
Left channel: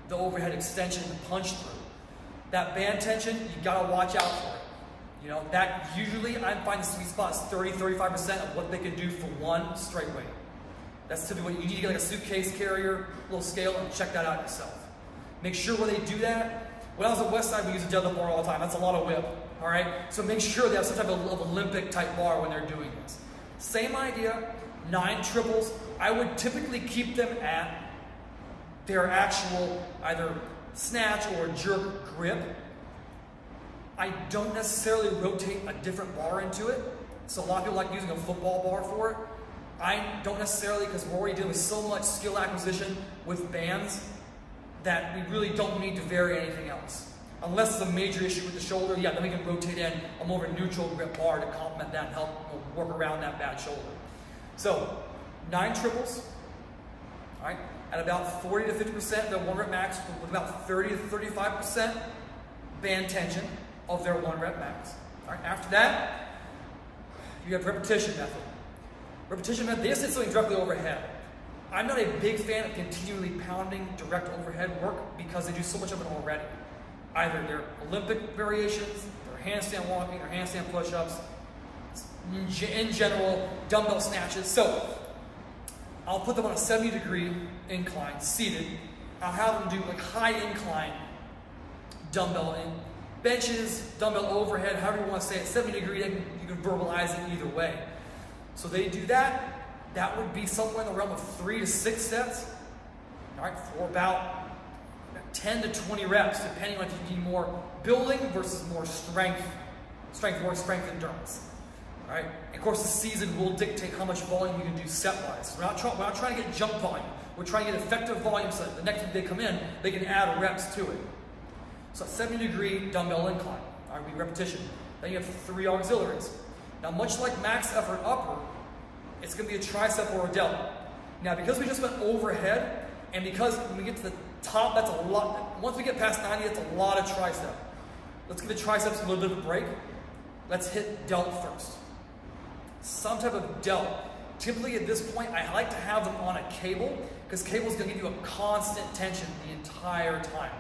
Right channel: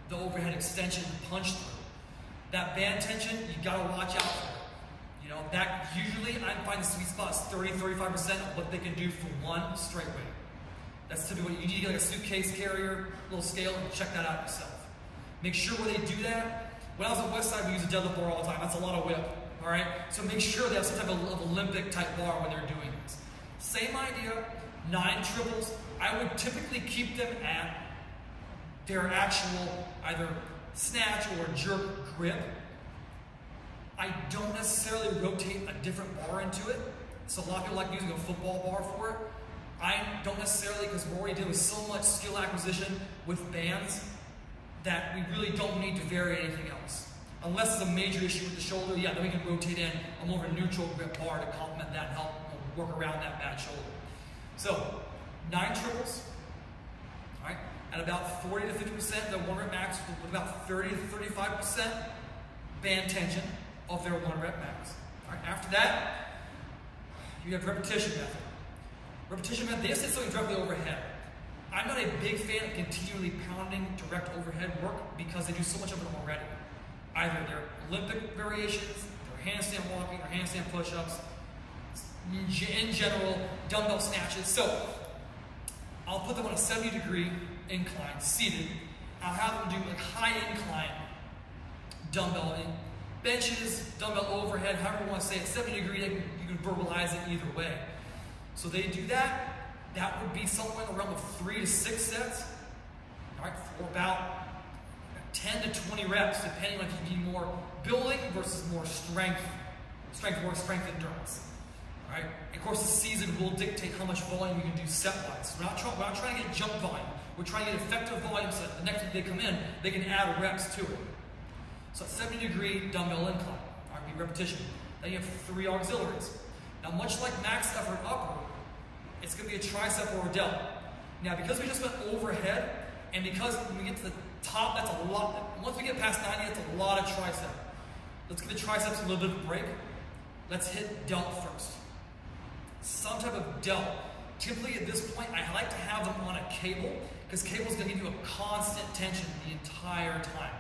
the overhead extension and punch through. That band tension, you got to watch out for it. You know, that usually I find the sweet spot is 30-35% of what they can do for one straight weight. That's typically what you need to get, like a suitcase carrier, little scale, and check that out yourself. Make sure when they do that, when I was at Westside, we use a deadlift bar all the time. That's a lot of whip, all right? So make sure they have some type of Olympic type bar when they're doing this. Same idea, 9 triples. I would typically keep them at their actual either snatch or jerk grip. I don't necessarily rotate a different bar into it. So a lot of people like using a football bar for it. I don't necessarily, because we're already doing so much skill acquisition with bands that we really don't need to vary anything else. Unless it's a major issue with the shoulder, yeah, then we can rotate in a more of a neutral grip bar to complement that and help work around that bad shoulder. So 9 triples, all right, at about 40 to 50% their 1 rep max, with about 30 to 35% band tension of their 1 rep max. All right, after that, you have repetition method. Repetition method, they just hit something directly overhead. I'm not a big fan of continually pounding direct overhead work because they do so much of it already. Either their Olympic variations, their handstand walking, or handstand push-ups, in general, dumbbell snatches. So I'll put them on a 70-degree incline, seated. I'll have them do like high incline dumbbell benches, dumbbell overhead, however you want to say it, 70-degree, you can verbalize it either way. So they do that. That would be somewhere in the realm of 3 to 6 sets, all right, for about 10 to 20 reps, depending on if you need more building versus more strength endurance. All right, and of course the season will dictate how much volume we can do set-wise. We're not trying to get jump volume. We're trying to get effective volume so that the next time they come in, they can add reps to it. So 70-degree dumbbell incline, all right, repetition. Then you have 3 auxiliaries. Now, much like max effort upper, it's going to be a tricep or a delt. Now, because we just went overhead, and because when we get to the top, that's a lot. Once we get past 90, that's a lot of tricep. Let's give the triceps a little bit of a break. Let's hit delt first. Some type of delt. Typically at this point, I like to have them on a cable, because cable is going to give you a constant tension the entire time.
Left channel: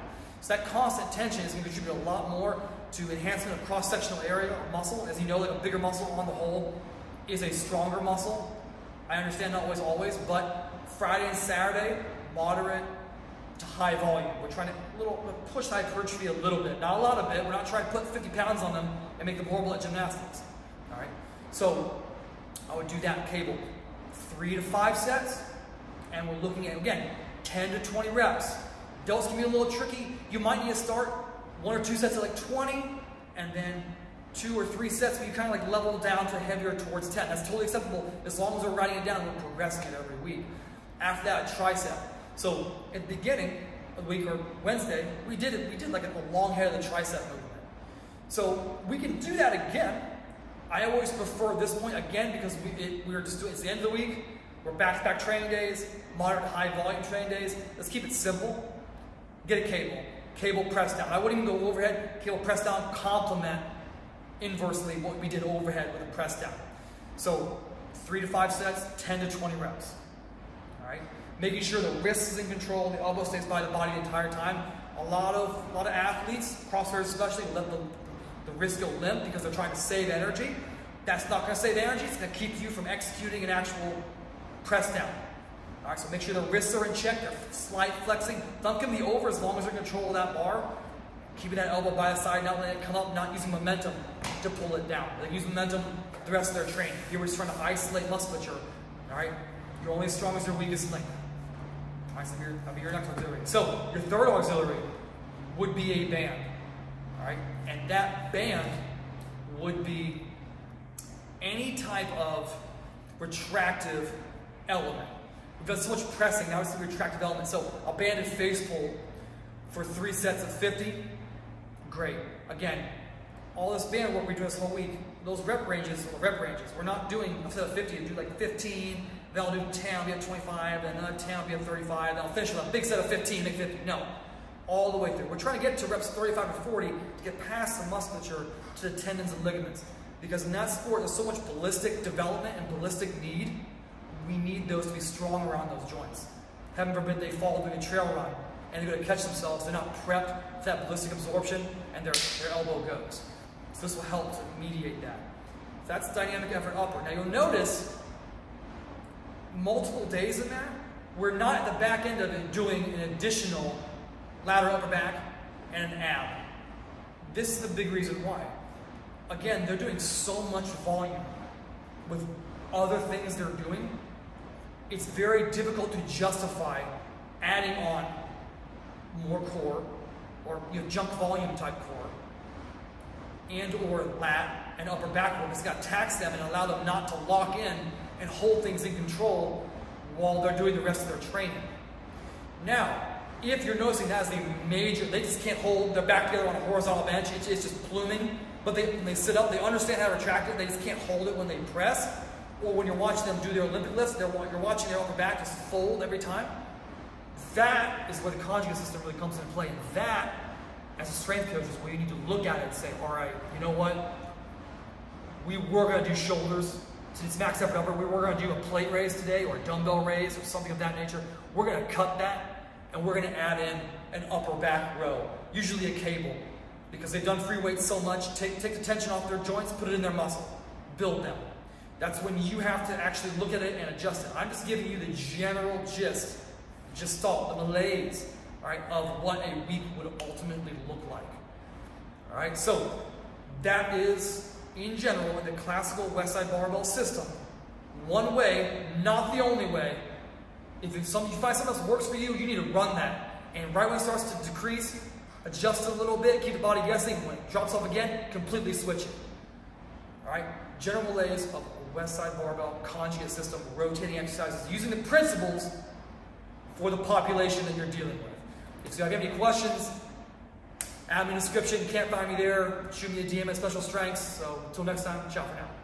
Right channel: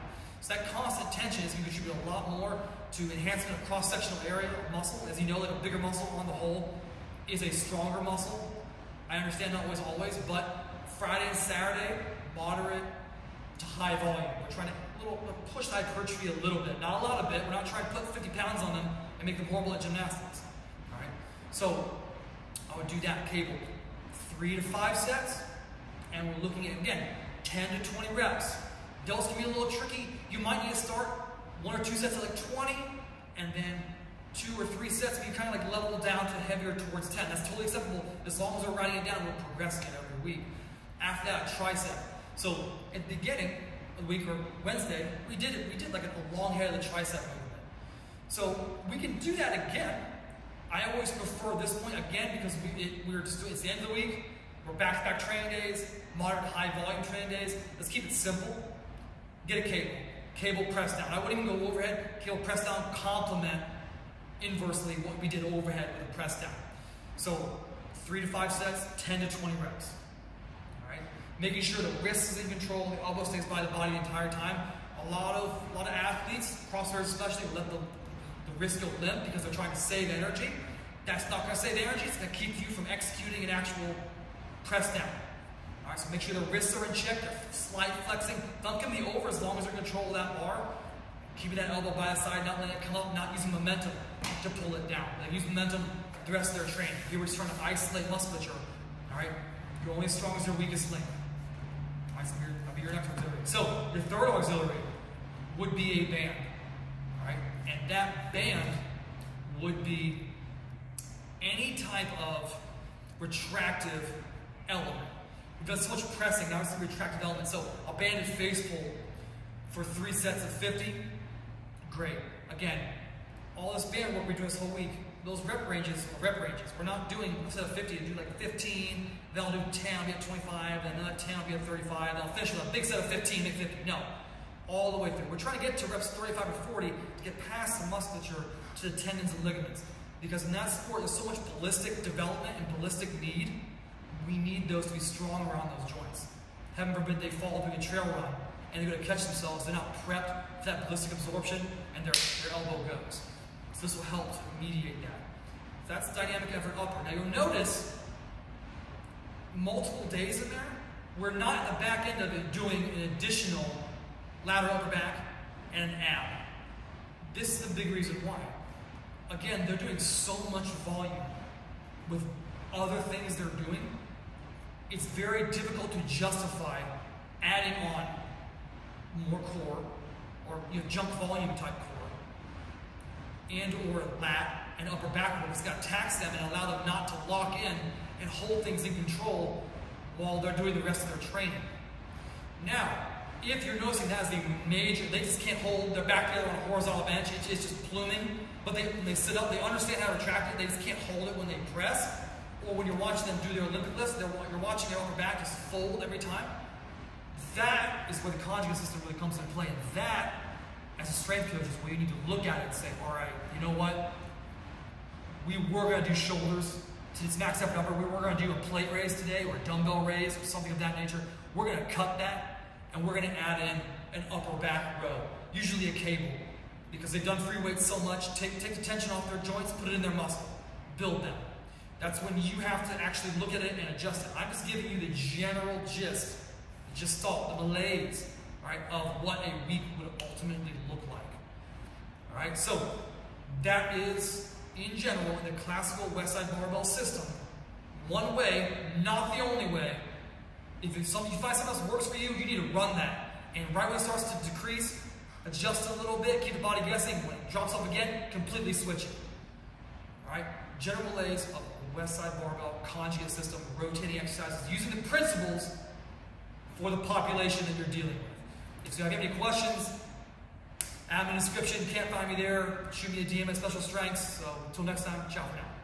So that constant tension is going to contribute a lot more to enhancement of cross-sectional area of muscle. As you know, that a bigger muscle on the whole is a stronger muscle. I understand not always, but Friday and Saturday, moderate to high volume. We're trying to push the hypertrophy a little bit. Not a lot of it. We're not trying to put 50 pounds on them and make them horrible at gymnastics. All right? So I would do that cable. 3 to 5 sets, and we're looking at, again, 10 to 20 reps. Delts can be a little tricky. You might need to start 1 or 2 sets at like 20, and then 2 or 3 sets, but you kind of like level down to heavier towards 10. That's totally acceptable. As long as we're writing it down, we're progressing it every week. After that, a tricep. So at the beginning of the week, or Wednesday, we did like a long head of the tricep movement. So we can do that again, I always prefer this point, again, because we're just doing, it's the end of the week, we're back-to-back training days, moderate to high volume training days. Let's keep it simple. Get a cable press down. I wouldn't even go overhead, cable press down, complement inversely what we did overhead with a press down. So 3 to 5 sets, 10 to 20 reps. All right, making sure the wrist is in control, the elbow stays by the body the entire time. A lot of athletes, CrossFitters especially, will let the wrist go limp because they're trying to save energy. That's not going to save energy. It's going to keep you from executing an actual press down. All right, so make sure the wrists are in check. They're slight flexing. Thumb can be over as long as they're in control of that bar. Keeping that elbow by the side, not letting it come up, not using momentum to pull it down. They use momentum the rest of their training. You're always trying to isolate musculature. All right, you're only as strong as your weakest link. All right, so that'll be your next auxiliary. So your third auxiliary would be a band. All right, and that band would be any type of retractive element. We've done so much pressing, now it's the retractive element. So a banded face pull for 3 sets of 50, great. Again, all this band work we do this whole week, those rep ranges are the rep ranges. We're not doing, instead of 50, do like 15, then I'll do 10, I'll be at 25, then another 10, I'll be at 35, then I'll finish with a big set of 15, make 50. No, all the way through. We're trying to get to reps 35 to 40 to get past the musculature to the tendons and ligaments. Because in that sport, there's so much ballistic development and ballistic need. We need those to be strong around those joints. Heaven forbid they fall doing a trail run and they're going to catch themselves. They're not prepped for that ballistic absorption and their elbow goes. So this will help to mediate that. So that's dynamic effort upper. Now you'll notice multiple days in there, we're not at the back end of it doing an additional lateral upper back and an ab. This is the big reason why. Again, they're doing so much volume with other things they're doing. It's very difficult to justify adding on more core or junk volume type core and or lat and upper back work. It's got to tax them and allow them not to lock in and hold things in control while they're doing the rest of their training. Now, if you're noticing that as the major, they just can't hold their back together on a horizontal bench, it's just pluming, but when they sit up, they understand how to retract it, they just can't hold it when they press. Or when you're watching them do their Olympic lifts, you're watching their upper back just fold every time. That is where the conjugate system really comes into play. And that, as a strength coach, is where you need to look at it and say, all right, you know what? We were going to do shoulders to its max effort upper. We were going to do a plate raise today or a dumbbell raise or something of that nature. We're going to cut that and we're going to add in an upper back row, usually a cable, because they've done free weights so much. Take the tension off their joints, put it in their muscle, build them. That's when you have to actually look at it and adjust it. I'm just giving you the general gist, the malaise, all right, of what a week would ultimately look like. All right, so that is, in general, in the classical Westside Barbell system, one way, not the only way. If you find something else works for you, you need to run that. And right when it starts to decrease, adjust a little bit, keep the body guessing. When it drops off again, completely switch it. All right, general malaise of Westside Barbell Conjugate System, rotating exercises, using the principles for the population that you're dealing with. If you have any questions, add me in the description. You can't find me there, shoot me a DM at Special Strengths. So until next time, ciao for now.